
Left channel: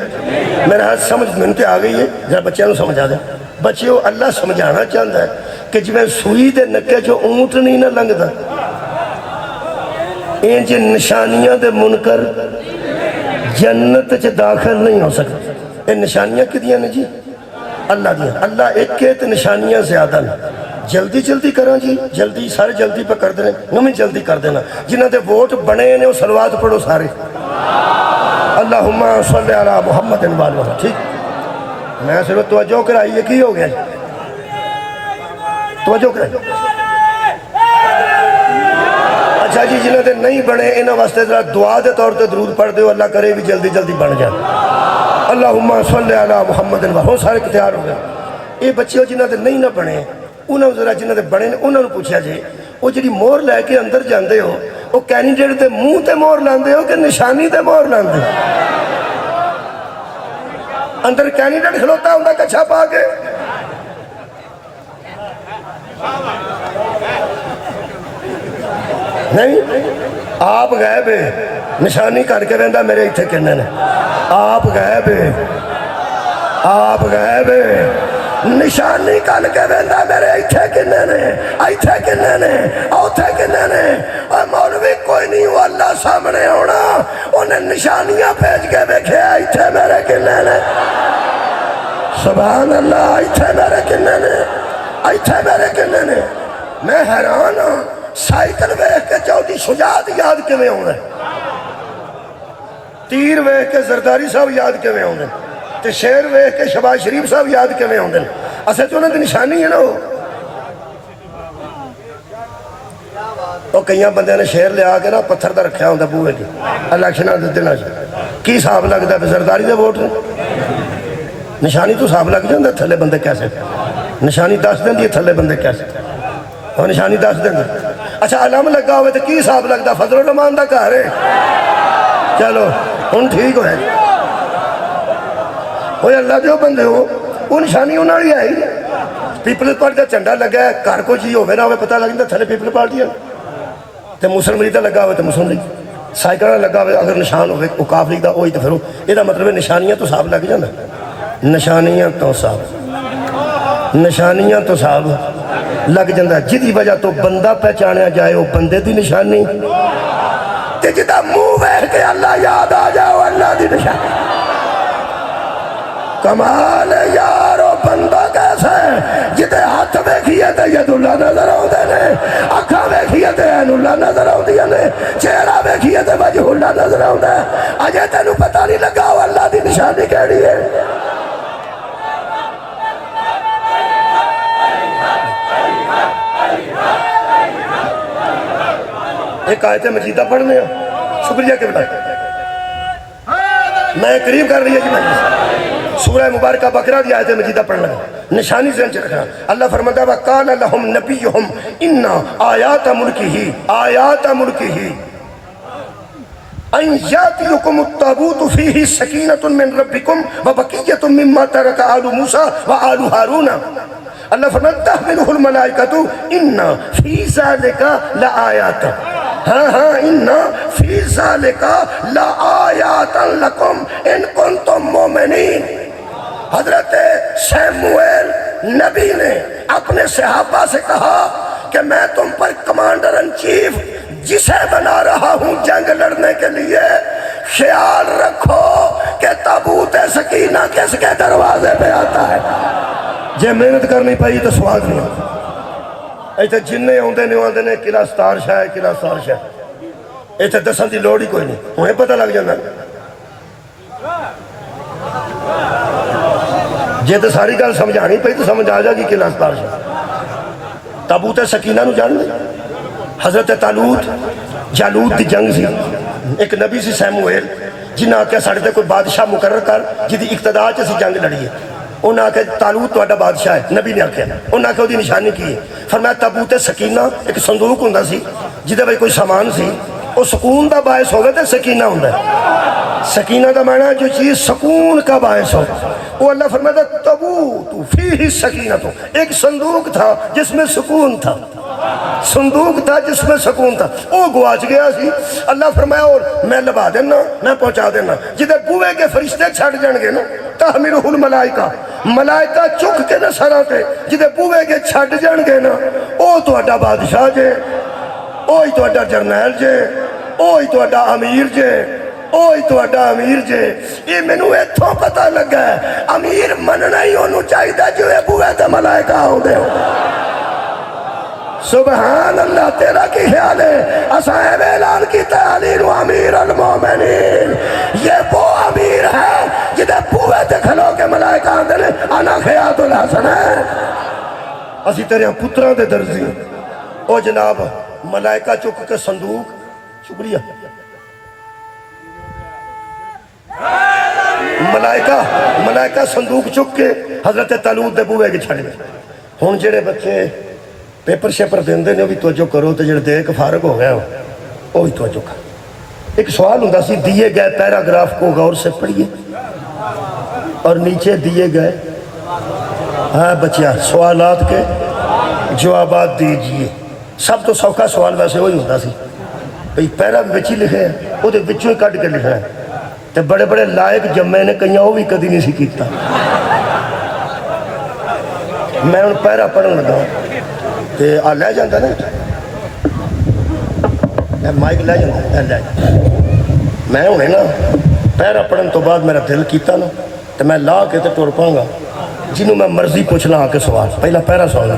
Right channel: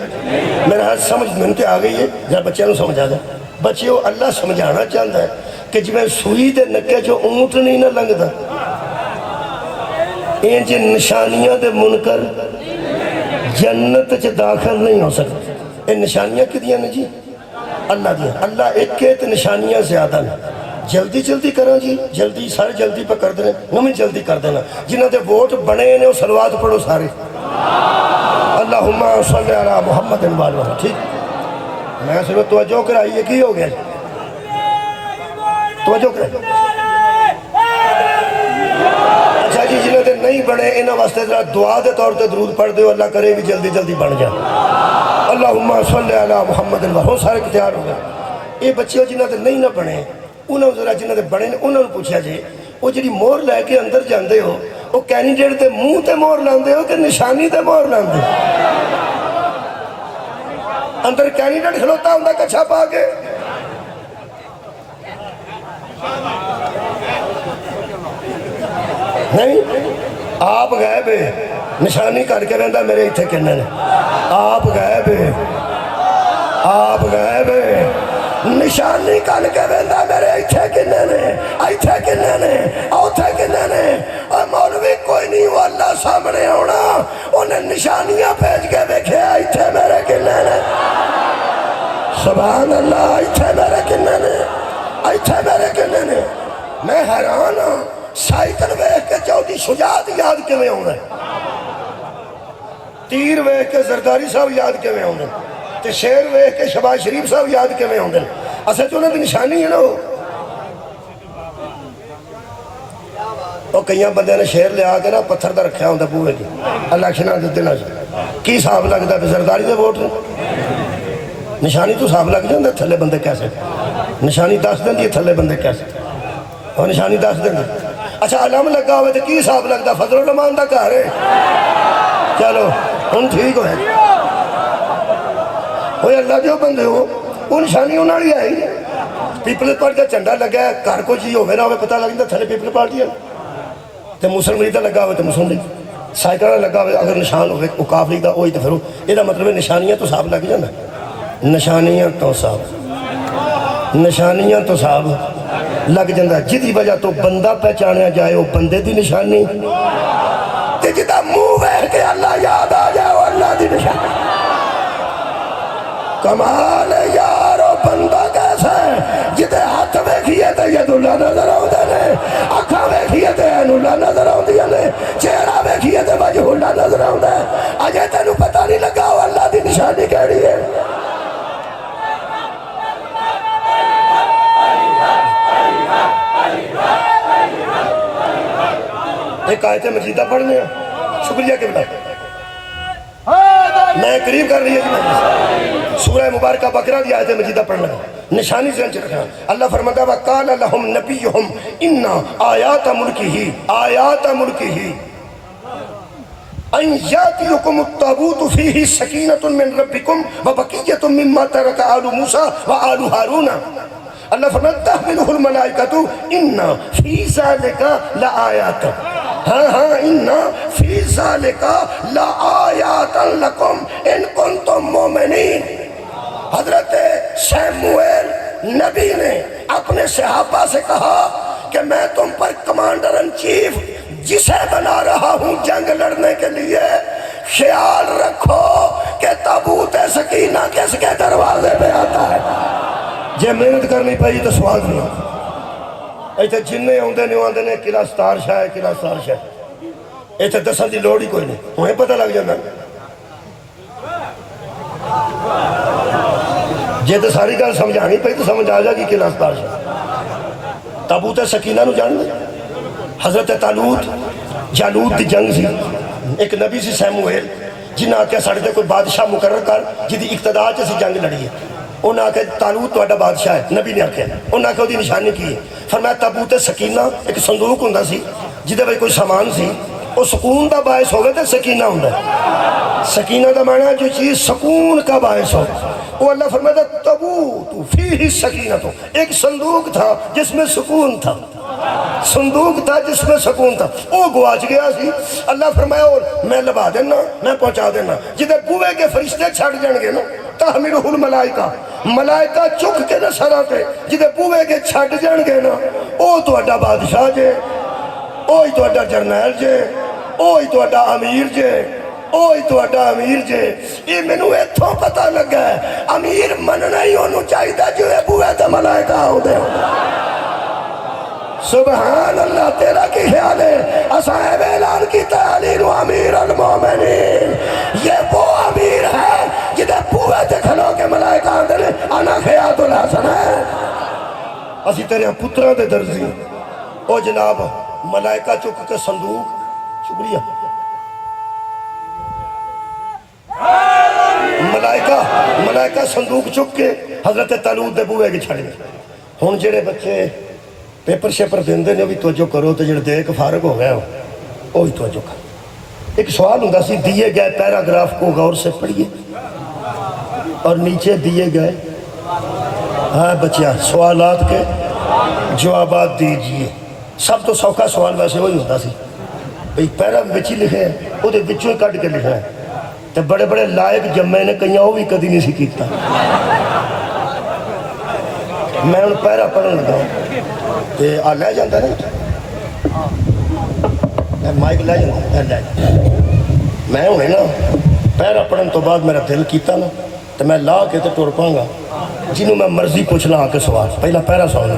میرا ہاتھ سمجھ منتے آ گئی ہے ذرا بچے نو سمجھا دے بچیو اللہ سمجھانا چاہتا ہے کہ جی میں سوئی دے نکے جو اونٹ نہیں نہ لنگدا این جی نشانیاں دے منکر جنت چ داخل نہیں ہو سکتے یہ نشانیاں کدیاں نے جی اللہ دیا اللہ ایک کے تے نشانیاں زیادہ نے جلدی جلدی کریں جی جلدی سارے جلدی پہ کر دینے وہ میں جلدی کر دینا جنہاں دے ووٹ بنے نے وہ صلوات پڑھو سارے اللہم صلی علی محمد والہ ٹھیک میں سنو توجہ کرائی یہ کی ہو گیا توجہ کرائی اچھا جی جنہوں نے نہیں بنے انہوں واسطے ذرا دعا دے طور تے درود پڑھ دے اللہ کرے بھی جلدی جلدی بن جائے اللہم صلی علی محمد وہ سارے اختیار ہو گئے یہ بچے جنہوں نے نہیں نہ بنے انہوں ذرا جنہوں نے بنے انہوں نے پوچھا جی وہ جی مور لے کے اندر جاندے ہو وہ کینڈیڈیٹ دے منہ تے مور لاندے ہو کہ نشانی تے مور لاندے اندر کینڈیڈیٹ کھلوتا ہوں کچھا پا کے نہیں آپ گئے بے نشانی کر کے رہندا میرے اتھے کہنے نے آپ گئے بے نشانی کر کے رہندا میرے اتھے کہنے نے اوتھے کہنے نے اور مولوی کوئی نہیں وہ اللہ سامنے ہونا انہیں نشانیاں بھیج کے دیکھے اتھے میرے کہنے نے سبحان اللہ اتھے میرے کہنے نے میں حیران ہوں سائیکل ویکھ کے چودی شجاعت یاد کیویں ہوندے تیر ویکھ کے زرداری صاحب یاد کیویں ہوندے تے شیر ویکھ کے شہباز شریف صاحب یاد کیویں ہوندے اسے تو انہاں دی نشانی ہے نا وہ کئی بندے نے شیر لیا کے نا پتھر دا رکھیا ہوندا بوئے دی الیکشناں دے دناں کی حساب لگدا ہے زرداری دے ووٹ نشانی تو حساب لگ جاندا تھلے بندے کیسے نشانی دس دیندی تھلے بندے کیسے اور نشانی دس دیندی اچھا علم لگا ہوئے تو کی حساب لگتا فضل الرحمان دا گھر ہے چلو ہن ٹھیک ہوئے ہوئے اللہ جو بندے ہو وہ نشانی انہوں نے آئی پیپل پارٹی دا جھنڈا لگا ہے گھر کو جی ہوئے نہ ہوئے پتہ لگ جاتا تھلے پیپل پارٹی ہے تے مسلم لیگ دا لگا ہوئے تو مسلم لیگ سائیکل لگا ہوئے اگر نشان ہوئے اوقاف لیگ دا ہوئی تو پھر یہ دا مطلب ہے نشانیاں تو صاحب لگ جانا نشانیاں تو صاحب لگ جاندہ ہے جدی وجہ تو بندہ پہچانا جائے وہ بندے دی نشانی تے جدہ منہ بہر کے اللہ یاد آ جائے وہ اللہ دی نشانی کمال یارو بندہ کیسا ہے جدے ہاتھ بیکھیے تے ید اللہ نظر آؤ دینے اکھا بیکھیے تے این اللہ نظر آؤ دینے چہرہ بیکھیے تے وجہ اللہ نظر آؤ دینے اجے تینو پتہ نہیں لگا وہ اللہ دی نشانی کہڑی ہے ایک آیت مجیدہ پڑھنے ہیں شکریہ کے بلائے میں قریب کر رہی ہے سورہ مبارکہ بقرہ دی آیت مجیدہ پڑھنا ہے نشانی ذہن چل رہا اللہ فرماتا ہے وَقَالَ لَهُمْ نَبِيُّهُمْ إِنَّا آيَاتَ مُلْكِهِ أَنْ يَأْتِيَكُمُ التَّابُوتُ فِيهِ سَكِينَةٌ مِّن رَبِّكُمْ وَبَقِيَّةٌ مِّمَّا تَرَكَ آلُ مُوسَىٰ وَآلُ هَارُونَ اللہ فرماتا ہے تحملہ الملائکۃ اِنَّا فِي ذَلِكَ لَآيَاتٍ ہاں اِنَّا فِي ذَلِكَ لَآيَاتًا لَكُمْ اِن كُنتُم مُؤْمِنِينَ حضرت سیموئیل نبی نے اپنے صحابہ سے کہا کہ میں تم پر کمانڈر ان چیف جسے بنا رہا ہوں جنگ لڑنے کے لیے خیال رکھو کہ تابوت سکینہ کس کے دروازے پہ آتا ہے جے محنت کرنی پائی تو سواد نہیں ہوتا ایتے جننے ہوندے نہیں ہوندے نے کلا ستار شاہ کلا ستار شاہ ایتے دسل دی لوڑی کوئی نہیں انہیں پتہ لگ جانا جے تو ساری گل سمجھانی پئی تو سمجھ آ جائے گی کلا ستار شاہ تابوت سکینہ نو جان لے حضرت جالوت دی جنگ سی ایک نبی سی سیموئیل جنہاں آکے ساڑھے تے کوئی بادشاہ مقرر کر جدی اقتدار چاسی جنگ لڑی ہے انہاں آکے طالوت توڑا بادشاہ ہے نبی نے آکے انہاں آکے وہ دی نشانی کی ہے فرمایا تابوت سکینہ ایک صندوق ہوندہ سی جدے بھائی کوئی سامان سی وہ سکون دا باعث ہوگا تو سکینہ ہوندہ ہے سکینہ دا معنی جو چیز سکون کا باعث ہو وہ اللہ فرمایا تابوت فیہ سکینہ تو ایک صندوق تھا جس میں سکون تھا صندوق تھا جس میں سکون تھا، وہ گواچ گیا سی۔ اللہ فرمایا اور میں لبا دینا، میں پہنچا دینا، جدے بوئے کے فرشتے چھڑ جان گے نا تحملہ الملائکہ، ملائکہ چک کے نہ سراں تے جدے بوئے کے چھڑ جان گے نا، او تو اڈا بادشاہ جے، اوہی تو اڈا جرنیل جے، اوہی تو اڈا امیر جے، اوہی تو اڈا امیر جے۔ یہ مینوں ایتھوں پتہ لگا ہے امیر مننا ہی انہوں چاہیے جو بوئے تے ملائکہ ہو دے۔ سبحان اللہ، تیرا کی خیال ہے؟ اسائے اعلان کی تعلیم امیر المومنین، یہ وہ امیر ہے جدے بوئے تے کھلو کے ملائکہ آندے نے انا خیات الحسن ہے، اسی تیرے پتران دے درزی۔ او جناب ملائکہ چک کے صندوق، شکریہ، ملائکہ صندوق چک کے حضرت طالوت دے بوئے کے چھڑ گئے۔ ہن جڑے بچے پیپر شیپر دیندے نے بھی توجہ کرو تے جڑے دے کے فارغ ہو گیا وہ بھی توجہ کرو۔ ایک سوال ہوتا سی، دیے گئے پیراگراف کو غور سے پڑھیے اور نیچے دیے گئے ہاں بچیاں سوالات کے جوابات دیجئے۔ سب تو سوکھا سوال ویسے وہی ہوتا سی، بھئی پیرا بھی بچی لکھے ہیں وہ دے بچوں ہی کٹ کے لکھا ہے، تے بڑے بڑے لائق جمعے نے کہیں وہ بھی کدی نہیں سی کیتا۔ میں ان پیرا پڑھن لگا تے آ لے جاندہ نا مائک لے جاندہ، میں انہیں نا پیرا پڑھن تو بعد میرا دل کیتا نا تو میں لا کے تے ٹور پاؤں گا جنہوں میں مرضی پوچھنا آ کے سوال، پہلا پیرا سوالنا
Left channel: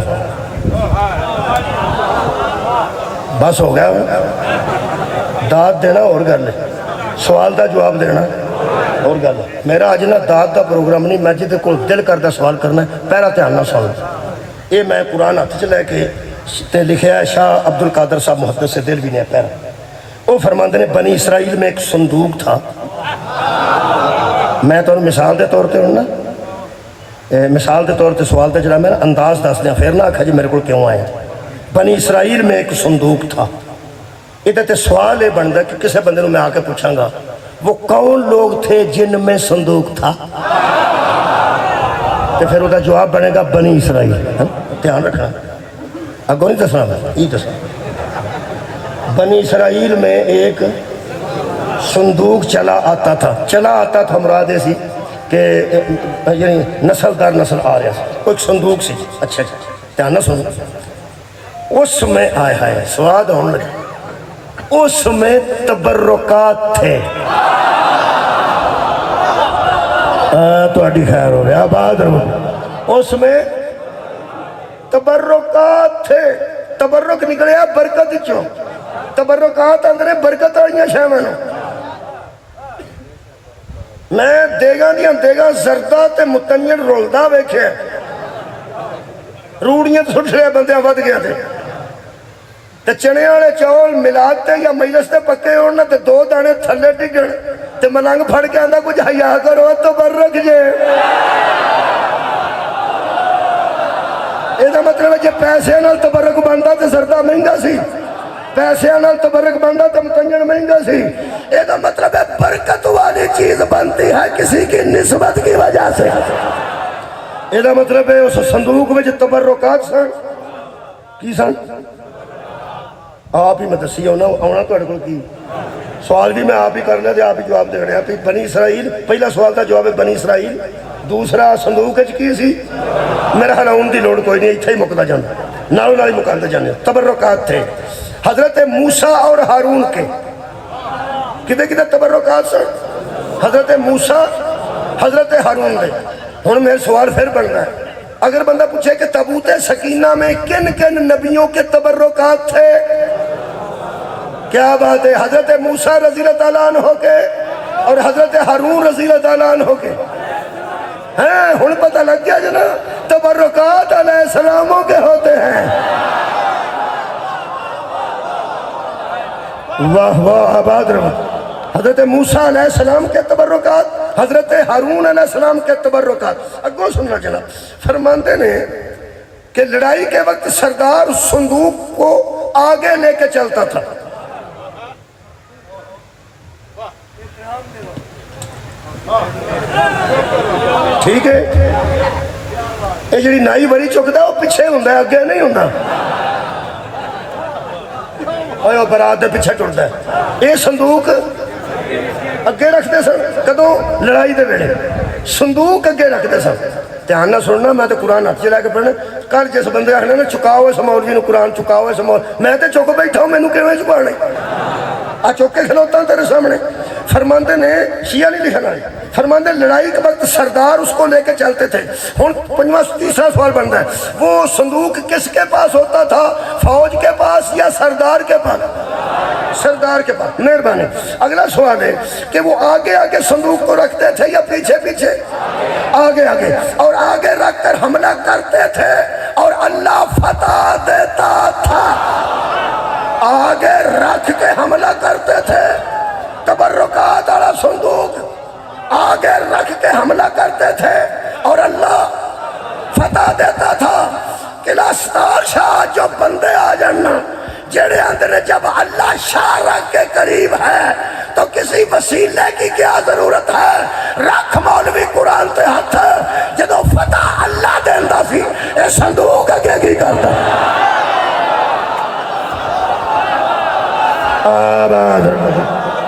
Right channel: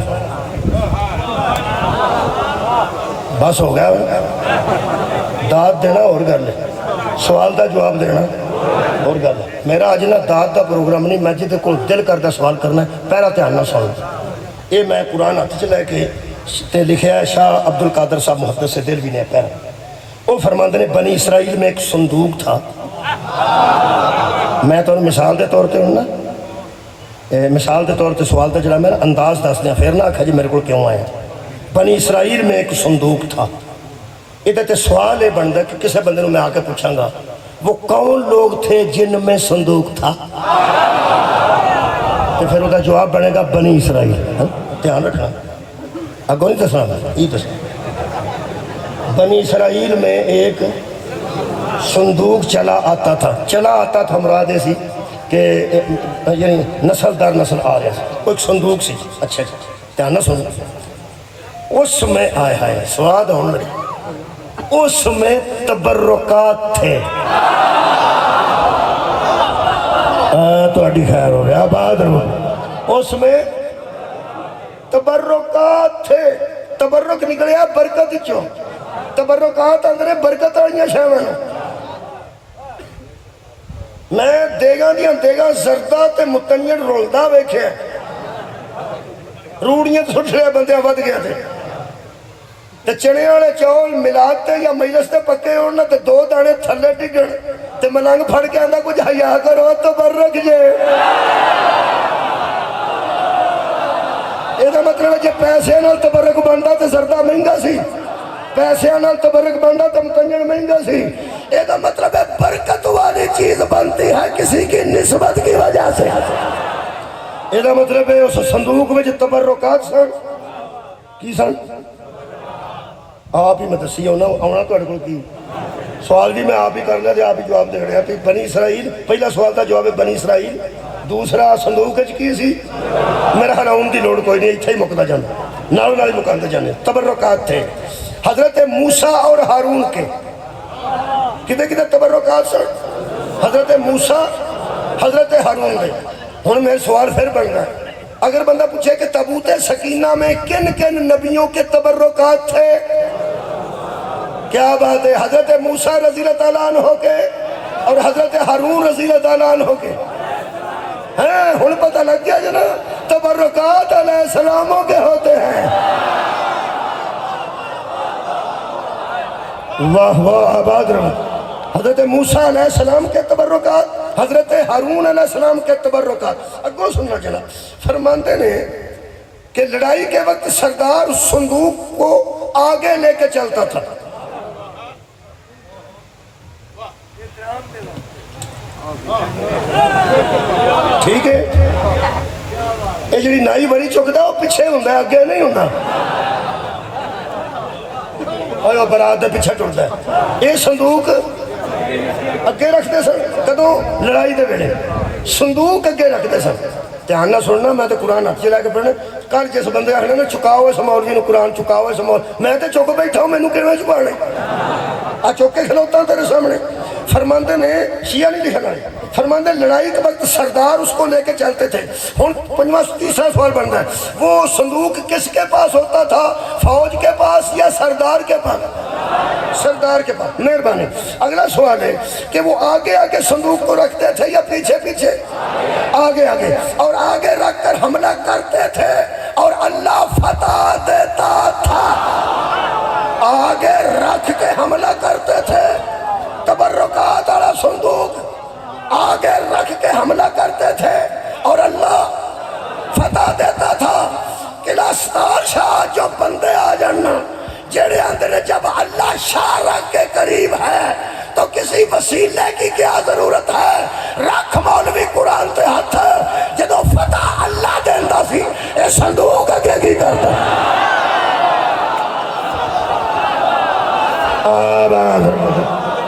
بس ہو گیا، داد دینا اور گل ہے، سوال دا جواب دینا اور گل ہے۔ میرا آج نا داد دا پروگرام نہیں، میں جدے کو دل کردہ سوال کرنا ہے پیرا تے آنا سوالنا۔ یہ میں قرآن ہاتھ چ لے کے تے لکھیا ہے شاہ عبد القادر صاحب محدث سے دل بھی نہیں پیرا، وہ فرماندے نے بنی اسرائیل میں ایک صندوق تھا۔ میں تو مثال دے طور تے ہوں نا، مثال دے طور تے سوال تے جڑا میں انداز دس دیا پھر نہ آکھا جی میرے کو کیوں آئے۔ بنی اسرائیل میں ایک صندوق تھا، ادھر تے سوال یہ بنتا کہ کسے بندے میں آ کے پوچھاں گا وہ کون لوگ تھے جن میں صندوق تھا، تو پھر وہ جواب بنے گا بنی اسرائیل۔ دھیان رکھنا، اگوں نہیں دسنا، یہ دسنا بنی اسرائیل میں ایک صندوق چلا آتا تھا مراد ایسی کہ یعنی نسل در نسل آ رہا تھا، ایک صندوق سی۔ اچھا دھیان نہ سنو، اس میں آئے سواد ہونے لگا، اس میں تبرکات تھے۔ تو اڈی خیر ہو گیا، آباد رہو، اس میں تبرکات تھے۔ تبرک نکلے برکت چوں، تبرکات اندرے برکت آئیاں شامل۔ میں دیگاں زردہ تے متنین رولدہ ویکھے، روڑیاں سٹ لے بندے ود گیا تھے، تے چنے والے چاول ملاتے یا مجلس تے پکے ہونا تے دو دانے تھلے ڈگن تے ملنگ پھڑ کے آندہ کچھ حیا کرو تبرک جے۔ یہ مطلب ہے کہ پیسے نال تبرک بنتا تے زردہ مہنگا سی، پیسے نال تبرک بنتا تے متنین مہنگا سی۔ یہ مطلب ہے برکت والی چیز بنتی ہے کسی کی نسبت کی وجہ سے۔ یہ مطلب ہے اس صندوق میں جو تبرکات سن کی سن، آپ ہی میں دسی ہونا تو اڑکل کی سوال بھی میں آپ ہی کرنا دے، آپ ہی جواب دے رہے ہیں۔ بنی اسرائیل پہلا سوال تھا، جواب ہے بنی اسرائیل۔ دوسرا صندوق کی سی، میرا خیال ان دی لوڑ کوئی نہیں، اتھے ہی مکتا جانا، نالوں نال ہی مکتا جانے۔ تبرکات تھے حضرت موسیٰ اور ہارون کے، کدھے کدھے تبرکات سن؟ حضرت موسیٰ حضرت ہارون کے۔ ہن میرے سوال پھر بن رہا ہے، اگر بندہ پوچھے کہ تابوت سکینہ میں کن کن نبیوں کے تبرکات تھے، کیا بات ہے؟ حضرت موسیٰ رضی اللہ تعالیٰ عنہ کے اور حضرت ہارون رضی اللہ تعالیٰ عنہ کے ہیں۔ ہن پتہ لگ گیا جنا تبرکات علیہ السلاموں کے ہوتے ہیں۔ واہ واہ، آباد رہا۔ حضرت موسیٰ علیہ السلام کے تبرکات، حضرت ہارون علیہ السلام کے تبرکات۔ اگوں سننا چلا، فرماندے نے کہ لڑائی کے وقت سردار صندوق کو آگے لے کے چلتا تھا۔ ٹھیک ہے، یہ جڑی نائی بڑی چکتا ہے وہ پیچھے ہوندہ ہے، آگے نہیں ہوندہ۔ اوے وہ برات دے پیچھے ٹرتا ہے یہ صندوق اگے رکھتے سن کدوں لڑائی دے ویلے صندوق اگے رکھتے سن دھیان نہ سننا میں تو قرآن ہاتھ چلا کے پڑھنا کل جس بندے آخنا نے چکاؤ اس مولوی نو قرآن چکاؤ اس مولوی میں تو چک بیٹھا ہوں مینوں کیویں چکانے آ چک کے کھلوتا ہوں تیرے سامنے فرماندے نے شیعہ نہیں لکھنا فرماندے لڑائی کے وقت سردار اس کو لے کے چلتے تھے ہوں پنجواں تیسرا سوال بنتا ہے وہ صندوق کس کے پاس ہوتا تھا فوج کے پاس یا سردار کے پاس سردار کے پاس مہربانی اگلا سوال ہے کہ وہ آگے آگے صندوق کو رکھتے تھے یا پیچھے پیچھے آگے آگے اور آگے رکھ کر حملہ کرتے تھے اور اللہ فتح دیتا تھا آگے رکھ کے حملہ کرتے تھے تبرکات والا صندوق آگے رکھ کے حملہ کرتے تھے اور اللہ فتح دیتا تھا قلعہ ستار شاہ جو بندے آ جانا جڑے اندر جب اللہ شاہ رکھ کے قریب ہے تو کسی وسیلے کی کیا ضرورت ہے رکھ مولوی قرآن تے ہاتھ جدو فتح اللہ دیندا سی اے صندوق اگے کی کرتا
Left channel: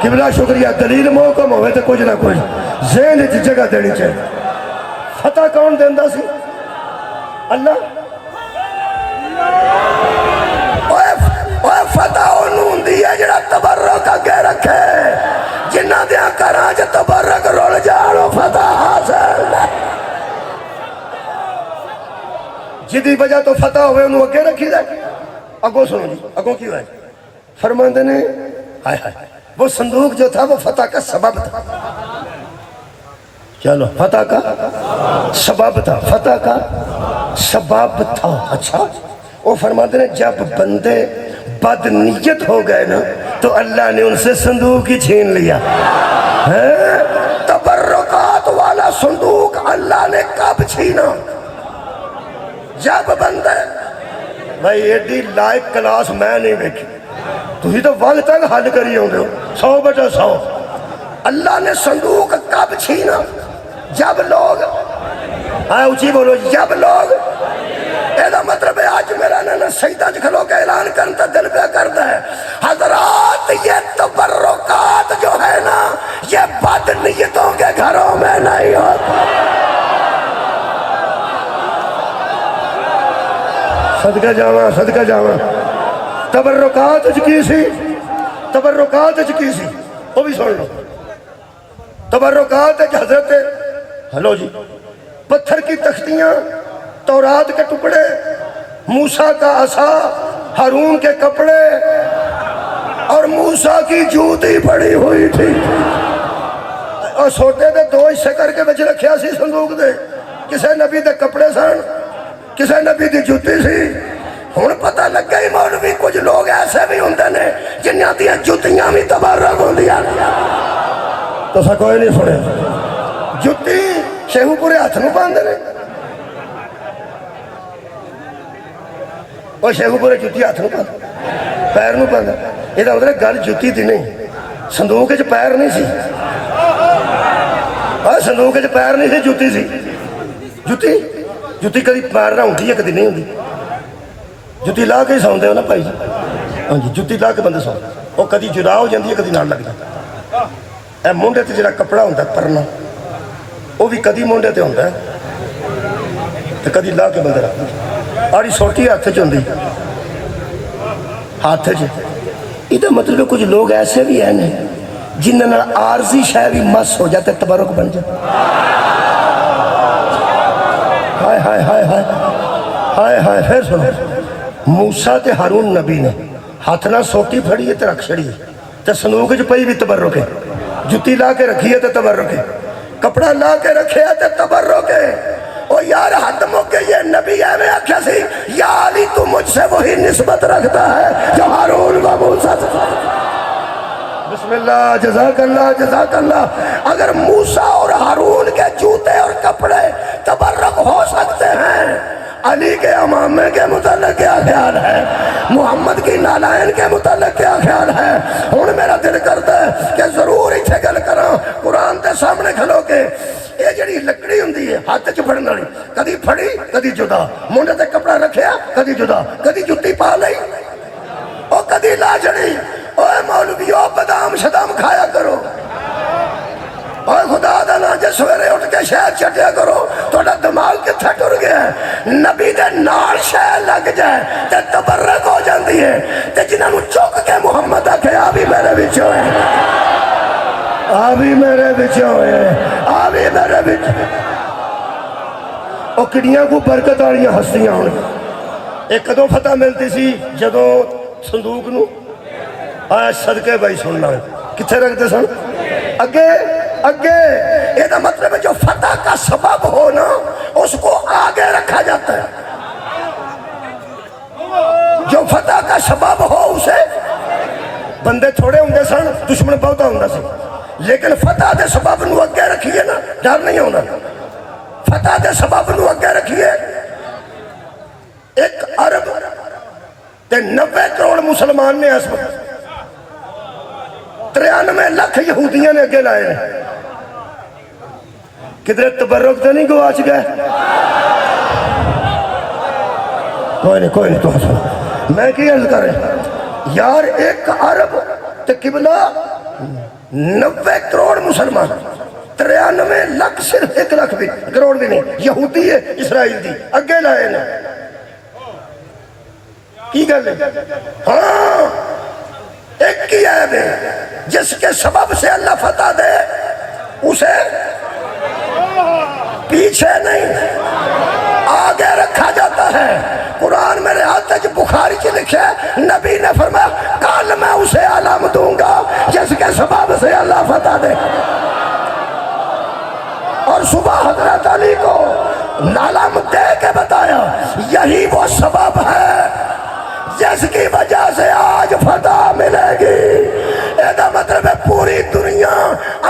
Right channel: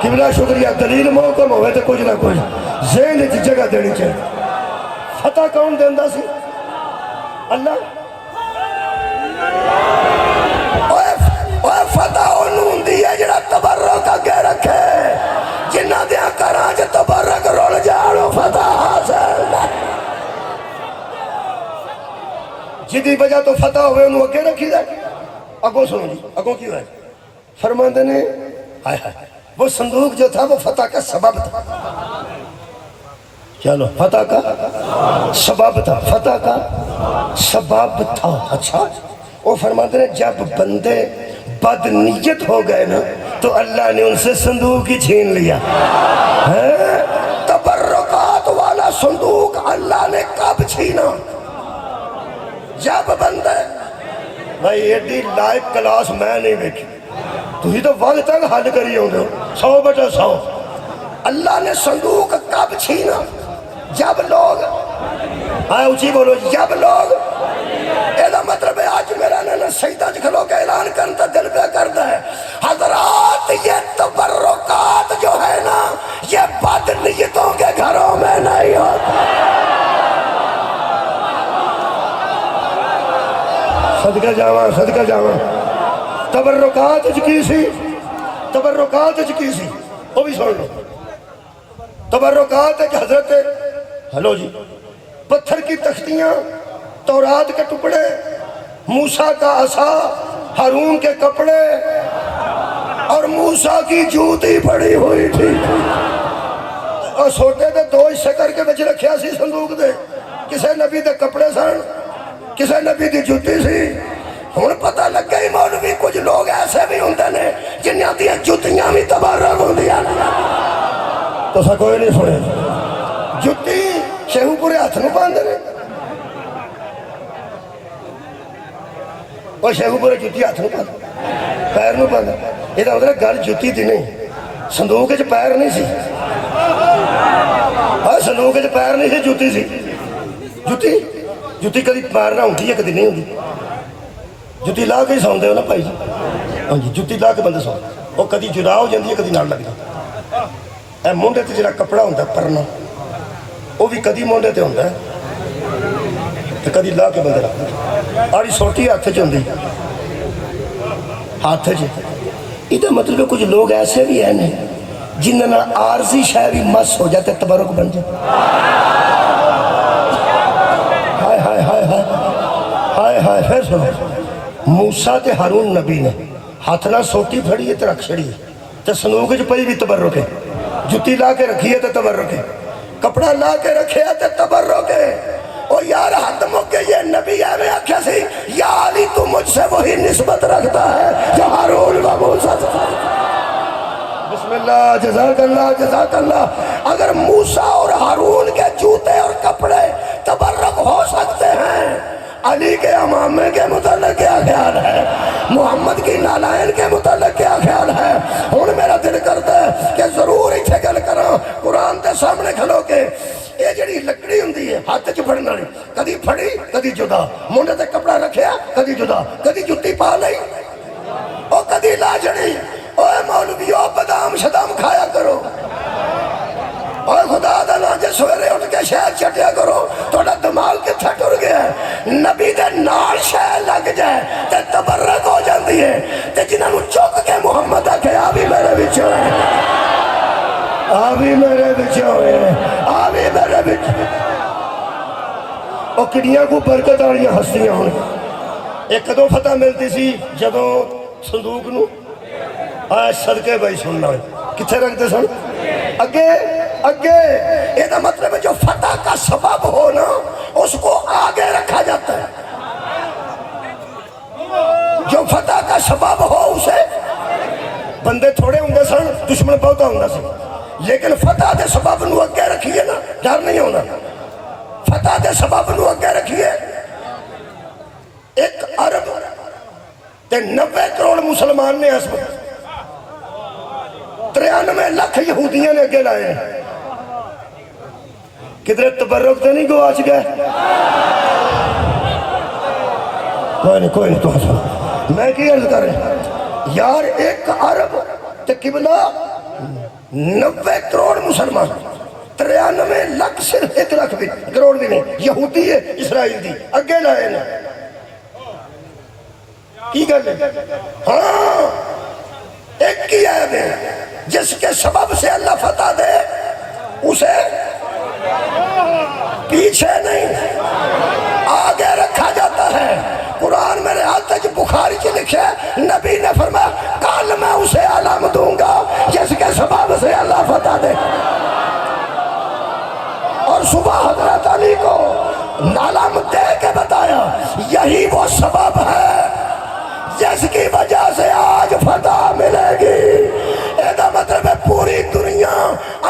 قبلہ شکریہ دلیل محکم ہوئے تو کچھ نہ کچھ ذہن اچھ جگہ دینی چاہیے فتح کون دیندا سی اللہ فتح انہوں دیا جڑا تبرک اگے رکھے جنہ دیا کراں جا تبرک رول جانو فتح حاصل جدی وجہ تو فتح ہوئے انہوں اگے رکھی دے اگو سنو جی اگو کیوں ہے فرماندے نے ہائے ہائے وہ صندوق جو تھا وہ فتح کا سبب تھا چلو فتح کا سبب تھا فتح کا سبب تھا اچھا وہ فرماتے ہیں جب بندے بد نیت ہو گئے نا تو اللہ نے ان سے صندوق ہی چھین لیا تبرکات والا صندوق اللہ نے کب چھینا جب بندے بھائی ایڈی لائق کلاس میں نہیں دیکھی تو ہی تو وقت تک حل کری ہوں گے 100/100 اللہ نے صندوق کب چھینا جب لوگ اونچی بولو جب لوگ ایدہ مطلب ہے آج میرا نانا سیدہ جکھلو کا اعلان کرتا دل پہ کرتا ہے حضرات یہ تبرکات جو ہے نا یہ بد نیتوں کے گھروں میں نہیں ہوتا صدقہ جاواں تبرکات کی سی تبرکات کی سی وہ بھی سن لو تبرکات کہ حضرت ہلو جی پتھر کی تختیاں تورات کے ٹکڑے موسیٰ کا عصا ہارون کے کپڑے اور موسیٰ کی جوتی پڑی ہوئی تھی اور سوٹے دے 2 حصے کر کے بچ رکھیا سی صندوق دے کسے نبی دے کپڑے سن کسے نبی دی جوتی سی ہون پتہ لگ گئی مولوی کچھ لوگ ایسے بھی ہوندے نے جنہاں دیا جوتیاں بھی تبارک ہوں دیا تو سا کوئی نہیں سنے جوتی شیہو پورے ہاتھ نو باندھے نے اور شیخو پورے جوتی ہاتھ نو باندھے پیر نو باندھے یہ تو اندر گل جوتی دی نہیں صندوق جو پیر نہیں سی صندوق جو پیر نہیں سی جوتی سی جوتی کدی مارنا ہوندی ہے کدی نہیں ہوندی جوتی لا کے سوندے ہو نا بھائی ہاں جی جوتی لا کے بندے سوندے وہ کدی جدا ہو جاندی ہے کدی نال لگدا اے مونڈے تے جڑا کپڑا ہوندا پرنا وہ بھی کدی مونڈے تے ہوندا تے کدی لا کے بندے رکھدا آڑی سوٹی ہاتھ چ ہوندی ہاتھ چ یہ مطلب کچھ لوگ ایسے بھی ہیں جنہاں عارضی شے بھی مس ہو جاتے تبرک بن جاتے ہائے ہائے ہائے ہائے ہائے ہائے پھر سنو موسیٰ تے ہارون نبی نے ہاتھ نہ سوٹی پھڑی ہے تے رکھ چھڑی ہے تے صندوق جو پئی بھی تبرک ہے جوتی لا کے رکھی ہے تے تبرک ہے کپڑا لا کے رکھے ہے تے تبرک ہے او یار حد موقع یہ نبی ہے میں آکھا سی یا علی تو مجھ سے وہی نسبت رکھتا ہے جو ہارون و موسیٰ سے بسم اللہ جزاک اللہ اگر موسیٰ اور ہارون کے جوتے اور کپڑے تبرک ہو سکتے ہیں علی کے امامے کے متعلق کیا خیال ہے محمد کی نالائن کے متعلق کیا خیال ہے ہون میرا دل کرتا ہے کہ ضرور ایتھے گل کراں قرآن دے سامنے کھلو کے یہ جڑی لکڑی ہوندی ہے ہاتھ چ پھڑن والی کدی پھڑی کدی جدا منڈے تے کپڑا رکھیا کدی جدا کدی جُتی پا لئی او دی لاجڑی اوے مولویو بادام شدام کھایا کرو اوے خدا دا نا جے سویرے اٹھ کے شہد چٹیا کرو توڑا دماغ کتھا ٹر گیا ہے نبی دے نال شہد لگ جائے تے تبرک ہو جاندی ہے تے جنہاں نو چوک کے محمد آکھے آبی میرے بچوں ہے آبی میرے بچوں ہے آبی میرے بچوں او کڑیاں کو برکت آڑیاں ہستیاں ہوں ایک دو فتح ملتی سی جدو صندوق نو آیا صدقے بھائی سننا کتھے رکھتے سن اگے اگے یہ دا مطلب ہے جو فتح کا سبب ہو نا اس کو آگے رکھا جاتا ہے جو فتح کا سبب ہو اسے بندے تھوڑے ہوں گے سن دشمن بہتا ہوں گا سی لیکن فتح دے سبب نو اگے رکھیے نا ڈر نہیں ہونا فتح دے سبب نو اگے رکھیے ایک عرب تے 90 کروڑ مسلمان نے اس وقت 93 لاکھ یہودیاں نے اگے لائے ہیں کدھر تبرک تو نہیں گواچ گئے کوئی نہیں تو میں کی عرض کر رہے یار ایک عرب تے قبلہ 90 کروڑ مسلمان 93 لاکھ صرف 1 لاکھ بھی کروڑ بھی نہیں یہودی ہے اسرائیل دی اگے لائے ہیں کی کر لیں ہاں ایک کی عیب ہے جس کے سبب سے اللہ فتح دے اسے پیچھے نہیں آگے رکھا جاتا ہے قرآن میرے ہاتھ جو بخاری کی لکھے نبی نے فرمایا کل میں اسے علم دوں گا جس کے سبب سے اللہ فتح دے اور صبح حضرت علی کو علم دے کے بتایا یہی وہ سبب ہے جس کی وجہ سے آج فتح ملے گی ایدہ مطلب ہے پوری دنیا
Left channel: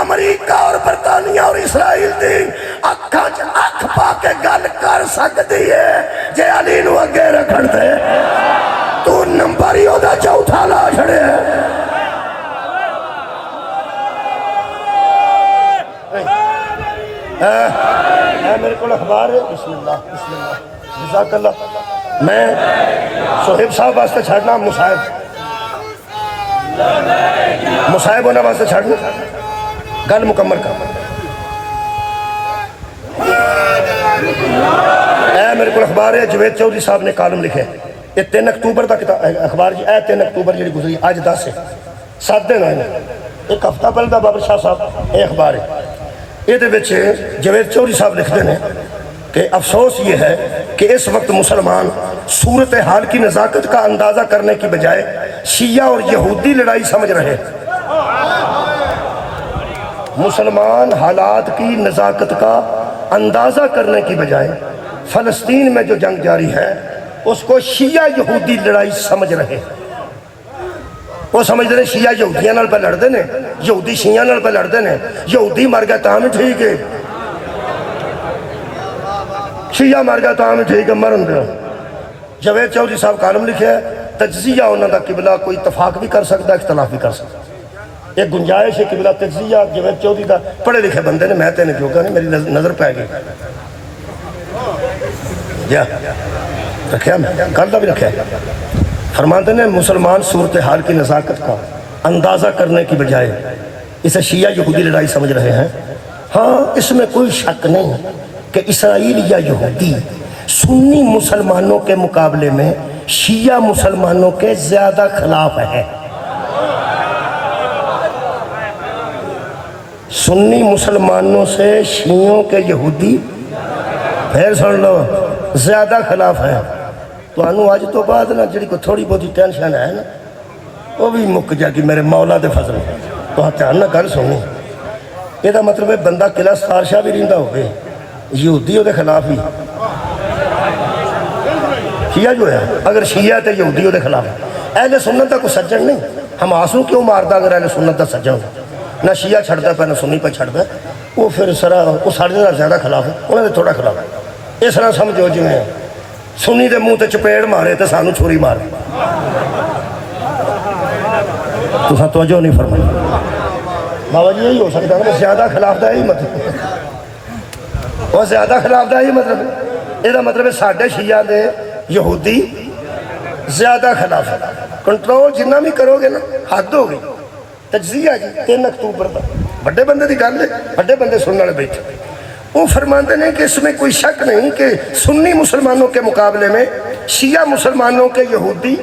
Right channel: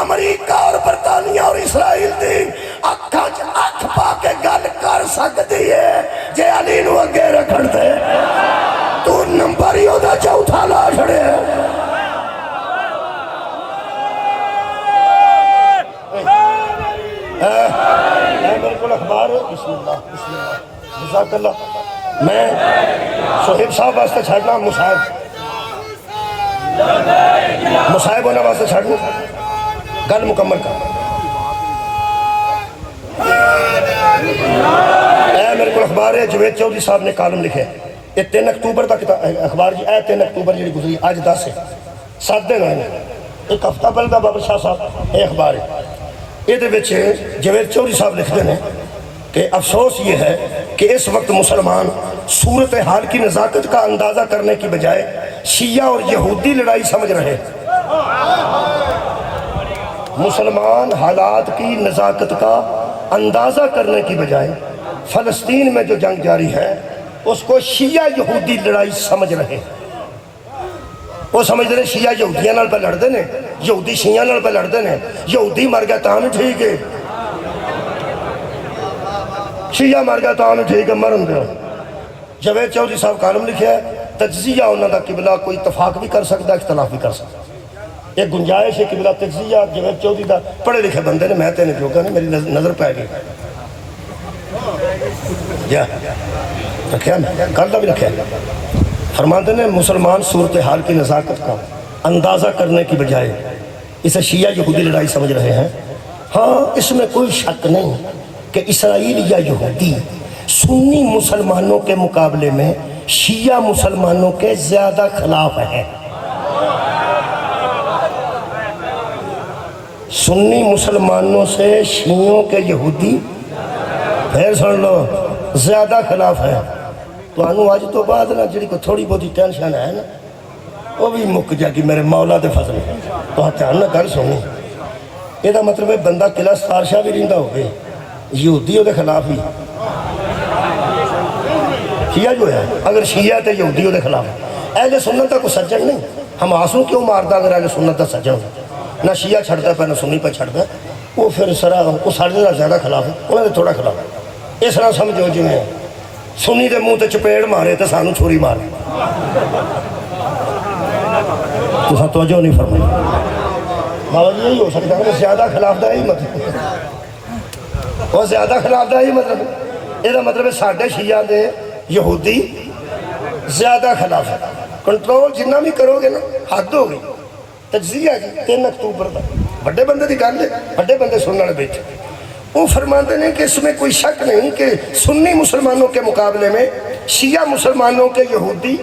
امریکہ اور برطانیہ اور اسرائیل دی اکھ پا کے گل کر سکتی ہے جے علی نو اگے رکھن دے تو نمبر ہی ہو دا چوتھا لا چھڑے میرے کو اخبار ہے بسم اللہ جزاک اللہ میں صہیب صاحب واسطے چھڑنا مصاحب ہونے واسطے چھڑنا گل مکمل کر میرے کو اخبار ہے جوید چودھری صاحب نے کالم لکھے یہ 3 اکتوبر دا اخبار جی 3 اکتوبر جی گزری آج 10 ہے 7 دن آئے ایک ہفتہ پہلے دا بابر شاہ صاحب یہ اخبار ہے یہ جوید چودھری صاحب لکھتے ہیں کہ افسوس یہ ہے کہ اس وقت مسلمان صورتحال کی نزاکت کا اندازہ کرنے کی بجائے شیعہ اور یہودی لڑائی سمجھ رہے ہیں مسلمان حالات کی نزاکت کا اندازہ کرنے کی بجائے فلسطین میں جو جنگ جاری ہے اس کو شیعہ یہودی لڑائی سمجھ رہے ہیں وہ سمجھ رہے شیعہ یہودیاں نال پہ لڑتے ہیں یہودی شیعہ نال پہ لڑتے ہیں یہودی مر گیا تاں ٹھیک ہے شیعہ مر گیا تاں ٹھیک ہے مرن دیا جوید چودھری صاحب کالم لکھے ہے تجزیہ انہوں دا قبلہ کوئی اتفاق بھی کر سکتا ہے اختلاف بھی کر سکتا ہے ایک گنجائش ہے قبلہ تجزیہ جوید چودھری دا پڑھے لکھے بندے نے میں تینے جو کہنے میری نظر پہ گئی جا رکھیا میں کردہ بھی رکھیا فرماتے ہیں مسلمان صورتحال کی نزاکت کا اندازہ کرنے کی بجائے اسے شیعہ یہودی لڑائی سمجھ رہے ہیں ہاں اس میں کوئی شک نہیں کہ اسرائیل یا یہودی سنی مسلمانوں کے مقابلے میں شیعہ مسلمانوں کے زیادہ خلاف ہے سنی مسلمانوں سے شیعوں کے یہودی پھر سن لو زیادہ خلاف ہے تو انہوں آج تو بعد نا جڑی کو تھوڑی بہت ٹینشن ہے نا وہ بھی مک جا کہ میرے مولا دے فضل تو ہاں تیار نہ گل سنی یہ دا مطلب ہے بندہ قلعہ ستار شاہ بھی رہندہ ہو گئے یہودیوں دے خلاف ہی شیعہ جو ہے اگر شیعہ تے یہودیوں دے خلاف اہل سنت دا کوئی سجن نہیں ہم آسوں کیوں ماردا اگر اہل سنت دا سجن ہو نہ شیعہ چھڑتا پہ نہ سنی پہ چھڑتا وہ پھر سرا وہ سارے زیادہ خلاف ہے انہوں نے تھوڑا خلاف ہے اس طرح سمجھو جی میں سنی دے منہ تے چپیڑ مارے تے سانو چھوری مارے تو سا توجہ نہیں فرمائی بابا جی یہی ہو سکتا ہے زیادہ خلاف دا ہی مطلب وہ زیادہ خلاف دا ہی مطلب یہ دا مطلب ہے ساڑھے شیعہ دے یہودی زیادہ خلاف ہے کنٹرول جنہ بھی کرو گے نا حد ہو گئی. تجزیہ جی 3 اکتوبر کا بڑے بندے کی گل ہے, بڑے بندے سننے والے بیٹھے. وہ فرماتے ہیں کہ اس میں کوئی شک نہیں کہ سنی مسلمانوں کے مقابلے میں شیعہ مسلمانوں کے یہودی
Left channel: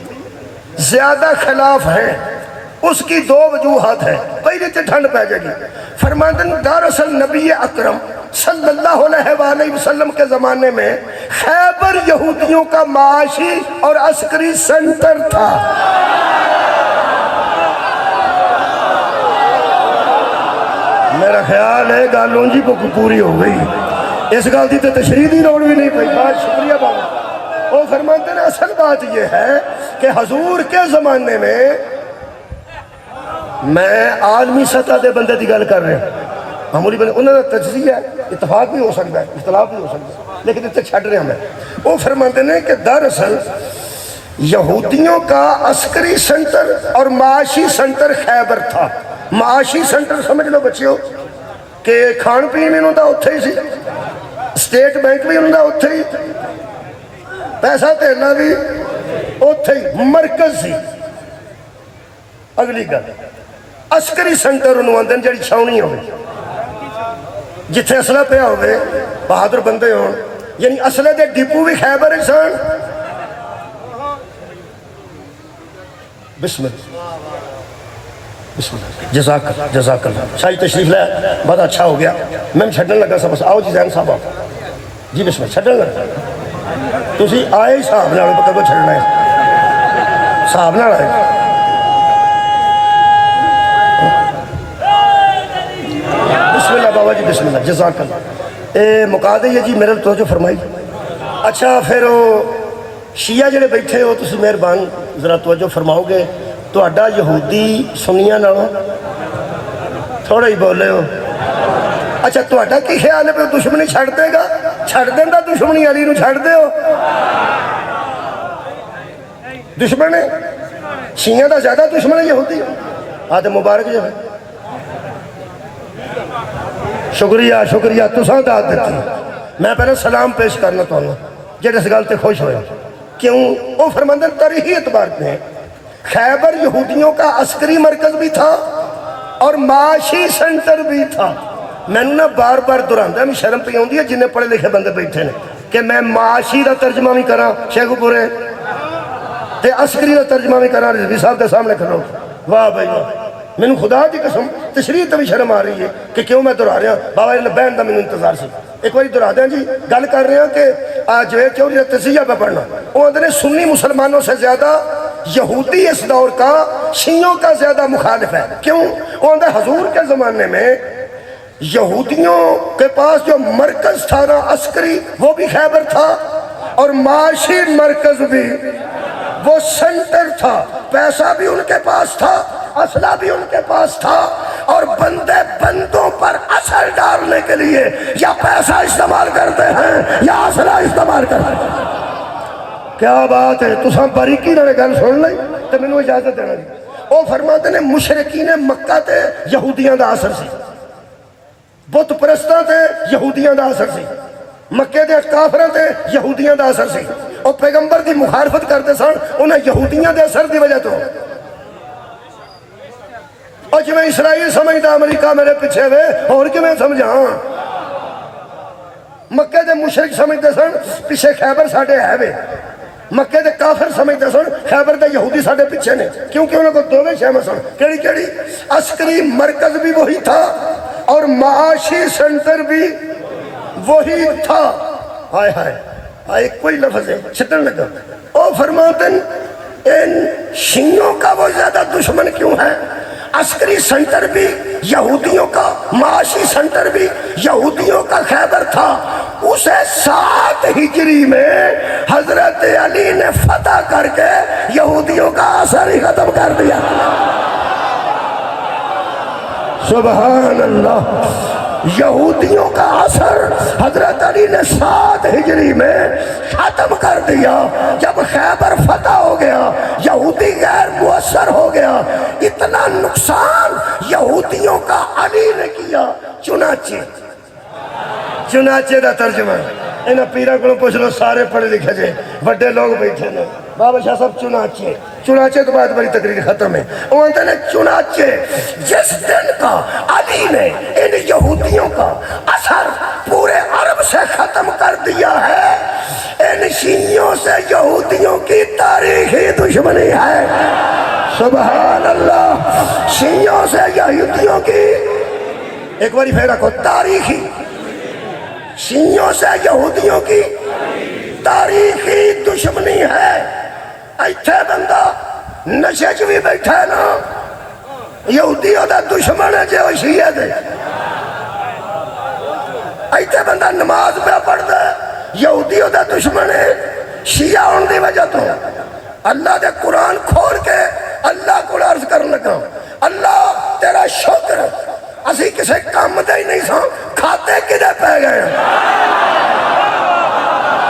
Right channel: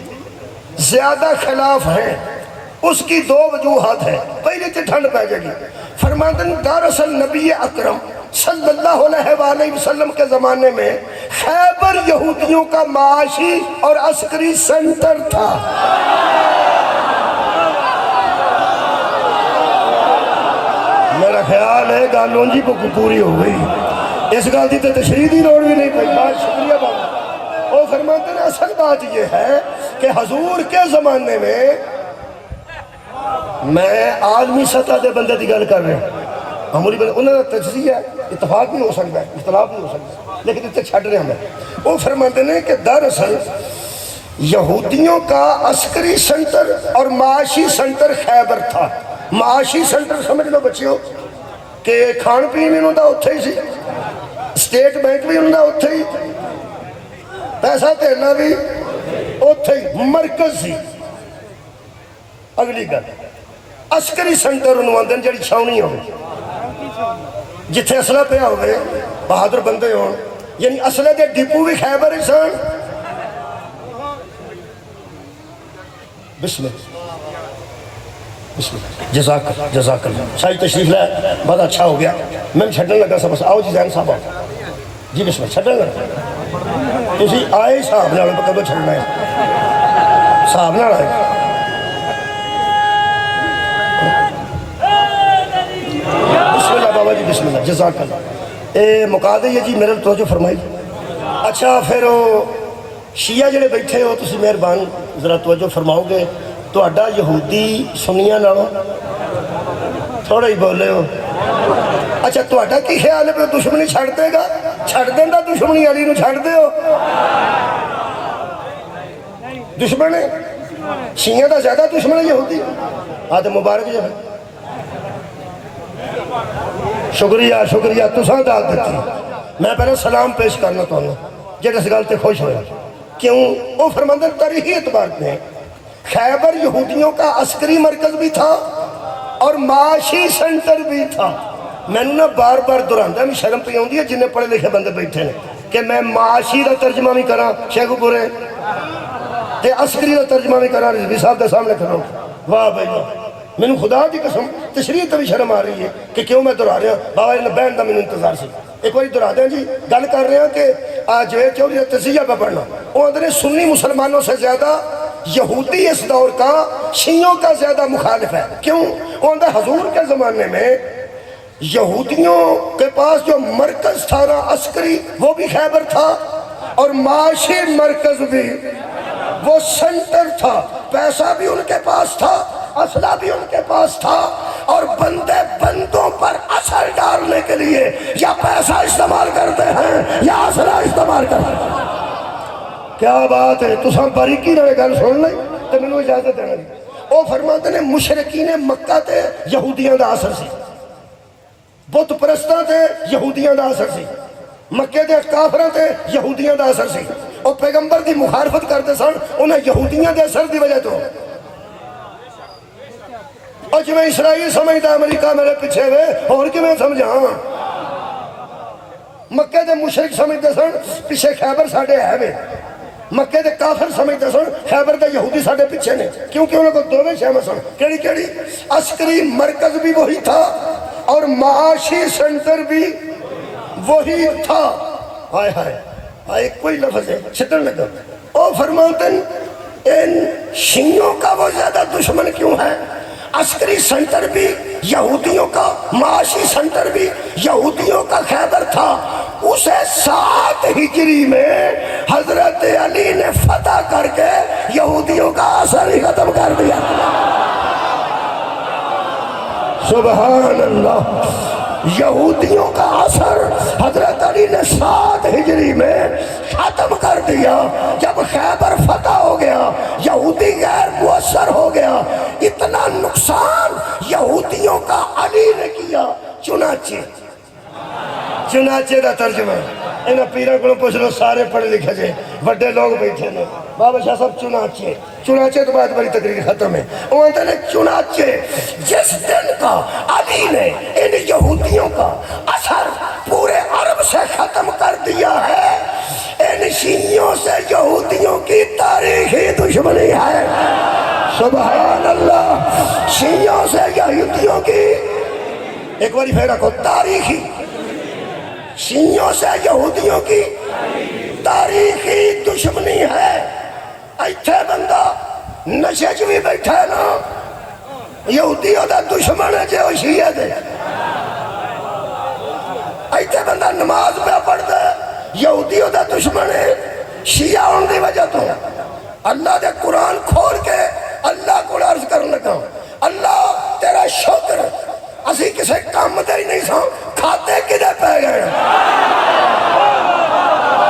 زیادہ خلاف ہیں. اس کی 2 وجوہات ہیں. پہلے تو ٹھنڈ پہ جائے گی. فرماتے ہیں دراصل نبی اکرم صلی اللہ علیہ وآلہ وسلم کے زمانے میں خیبر یہودیوں کا معاشی اور عسکری سنٹر تھا. میرا خیال ہے گالوں جی کو پوری ہو گئی. اس گل کی تو تشریح کی لوڑ بھی نہیں پئی. بہت شکریہ بابا. وہ فرماتے ہیں اصل بات یہ ہے کہ حضور کے زمانے میں عالمی سطح دے بندے کی گل کر رہے ہیں. معمولی بندے انہوں کا تجزیہ اتفاق بھی ہو سکتا ہے, اختلاف بھی ہو سکتا ہے, لیکن اتنے چھڑ رہے ہیں. وہ فرماتے ہیں کہ دراصل یہودیوں کا عسکری سنٹر اور معاشی سنٹر خیبر تھا. معاشی سنٹر سمجھ لو بچیو کہ کھان پین بھی انہوں دا اتھے ہی سی, اسٹیٹ بینک بھی انہوں دا اتھے ہی, پیسہ تیرنا بھی اتھے ہی, مرکز سی. اگلی گل عسکری سنٹر انہوں آندن جڑی چھاونی ہوئے جتھے اسلحہ پہ ہوئے بہادر بندے ہوں, یعنی اسلحے دے ڈپو بھی خیبر انسان. بسم اللہ جزاک اللہ. شاہی تشریف لے بہت اچھا ہو گیا. میں چھڑنے لگا سب. آؤ جی زین صاحب آؤ جی. بسم اللہ چھڑنے لگا تُسی آئے صاحب نہ پتہ کو چھڑنا ہے صاحب نہ آئے. بسم اللہ بابا جی بسم اللہ جزاک اللہ. اے مکا دے جی میرے توجہ فرمائی. اچھا پھر وہ شیعہ جڑے بیٹھے ہو تُسی مہربان ذرا توجہ فرماؤ گے. تو اڈا یہودی سنیاں نالوں تھوڑا ہی بولے ہو. اچھا تو اڈا کی خیال ہے پہ دشمنی چھڑ دے گا؟ چھڑ دیں دا دشمنی علی نو چھڑ دے ہو. دشمن ہے شیعہ دا زیادہ دشمن ہے یہودی. آدھے مبارک جو ہے شکریہ شکریہ تساں داد دیتی. میں پہلے سلام پیش کرنا تو ہوں جیڑے اس گلتے خوش ہوئے. کیوں؟ وہ فرماندن تاریخی اعتبار پہ خیبر یہودیوں کا عسکری مرکز بھی تھا اور معاشی سنٹر بھی تھا. میں نے بار بار دہراندہ میں شرم پہ ہوندی ہے جنہیں پڑھے لکھے بندے بیٹھے ہیں کہ میں معاشی دا ترجمہ بھی کراں شیخ پورے تے عسکری دا ترجمہ بھی کراں رضوی صاحب دے سامنے کھڑو. واہ بھائی واہ. میں نے خدا دی قسم تشریح تے بھی شرم آ رہی ہے کہ کیوں میں دہرا رہا ہوں. بابا نے بہن دا میں انتظار سے ایک باری دہرا دیں جی. گل کر رہے ہیں کہ آج جو تجزیہ پہ پڑھنا وہ اندر سنی مسلمانوں سے زیادہ یہودی اس دور کا شیعوں کا زیادہ مخالف ہے. کیوں؟ وہ اندر حضور کے زمانے میں یہودیوں کے پاس جو مرکز تھا نا عسکری وہ بھی خیبر تھا اور معاشی مرکز بھی وہ سنٹر تھا. پیسہ بھی ان کے پاس تھا, اسلحہ بھی ان کے پاس تھا, اور بندے بندوں پر اثر ڈالنے کے لیے یا پیسہ استعمال کرتے ہیں یا اسلحہ استعمال کرتے ہیں. کیا بات ہے. تو سب باریکی رہے گل سن لیں تو میں نے اجازت دینا دی. وہ فرماتے ہیں مشرکین مکہ تے یہودیاں دا اثر سی, بت پرستاں تے یہودیاں دا اثر سی, مکے دے کافراں تے یہودیاں دا اثر سی. اور پیغمبر دی مخالفت کرتے سن انہیں یہودیاں دے اثر دی وجہ تو. اور جو میں اسرائیل سمجھتا امریکہ میرے پیچھے ہوئے اور کہ میں سمجھاں. مکے دے مشرک سمجھتے سن پیچھے خیبر ساڑھے ہے وے, مکے دے کافر سمجھتے سن خیبر دے یہودی ساڑھے پیچھے نے, کیونکہ انہوں کو دوویں شہمہ سن. کیڑی کیڑی؟ عسکری مرکز بھی وہی تھا اور معاشی سنٹر بھی وہی تھا. ہائے ہائے ہائے کوئی لفظ ہے چھتن لگا. او فرماتے ہیں ان شیعوں کا وہ زیادہ دشمن کیوں ہے؟ عسکری سنٹر بھی یہودیوں کا, معاشی سنٹر بھی یہودیوں کا خیبر تھا. اسے 7 ہجری میں حضرت علی نے فتح کر کے یہودیوں کا اثر ہی ختم کر دیا. سبحان اللہ. یہودیوں کا اثر حضرت علی نے 7 ہجری میں ختم کر دیا. جب خیبر فتح ہو گیا یہودی غیر مؤثر ہو گیا. اتنا نقصان یہودیوں کا علی نے کیا. چنانچہ دا ترجمہ انہیں پیرا کو پوچھ لو سارے پڑھے لکھے جے بڑے لوگ بیٹھے نا بابا شاہ صاحب چنانچہ تو بات بڑی تقریر ختم ہے وہ انہوں نے چنانچہ جس دن کا علی نے ان یہودیوں کا اثر پورے عرب سے ختم کر دیا ہے ان شیعوں سے یہودیوں کی تاریخی دشمنی ہے سبحان اللہ شیعوں سے یہودیوں کی ایک باری پھر رکھو تاریخی شیعوں سے یہودیوں کی تاریخی دشمنی ہے ایتھے بندہ نشے چ بھی بیٹھا ہے نا یہودیوں دا دشمن ہے جو شیعہ دے ایتھے بندہ نماز پہ پڑھتا ہے یہودیوں دا دشمن ہے شیعہ ان دی وجہ تو اللہ دے قرآن کھول کے اللہ کو عرض کرنے لگا اللہ تیرا شکر اسی کسے کام دے ہی نہیں سا کھاتے کدے پہ گئے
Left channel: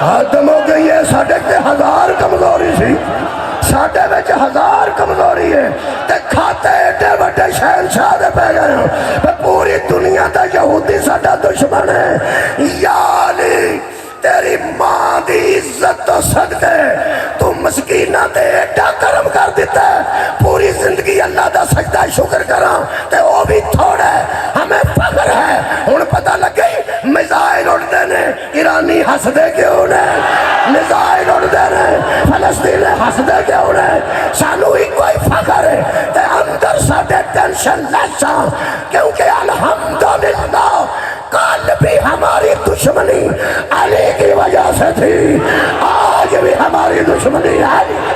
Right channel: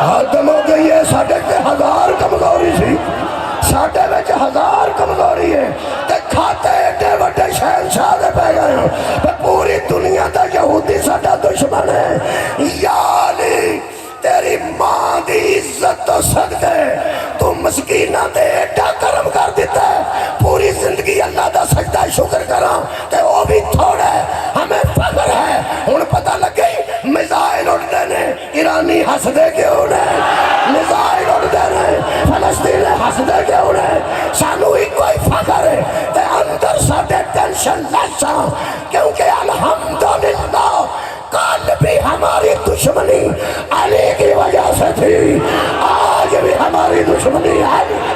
ختم ہو گئی ہے ساڑھے کے 1000 کمزوری سی ساڑھے ویچ 1000 کمزوری ہے تے کھاتے ایڈے وڈے شہنشاہ دے پہ گئے پوری دنیا دا یہودی ساڑھا دشمن ہے یا علی تیری ماں دی عزت تو صدقے تو مسکینہ دے ایڈا کرم کر دیتا ہے پوری زندگی اللہ دا سجدہ شکر کرا تے وہ بھی تھوڑا ہے ہمیں فخر ہے ان پتہ لگے میزائل اڑ دینے ایرانی ہس دے کیوں نے میزائل اڑ دینے فلسطین ہس دے کیوں نے سانو ہی کوئی فخر ہے تے اندر ساڑھے ٹینشن لیسا کیونکہ الحمدللہ کل بھی ہماری دشمنی علی کی وجہ سے تھی آج بھی ہماری دشمنی ہے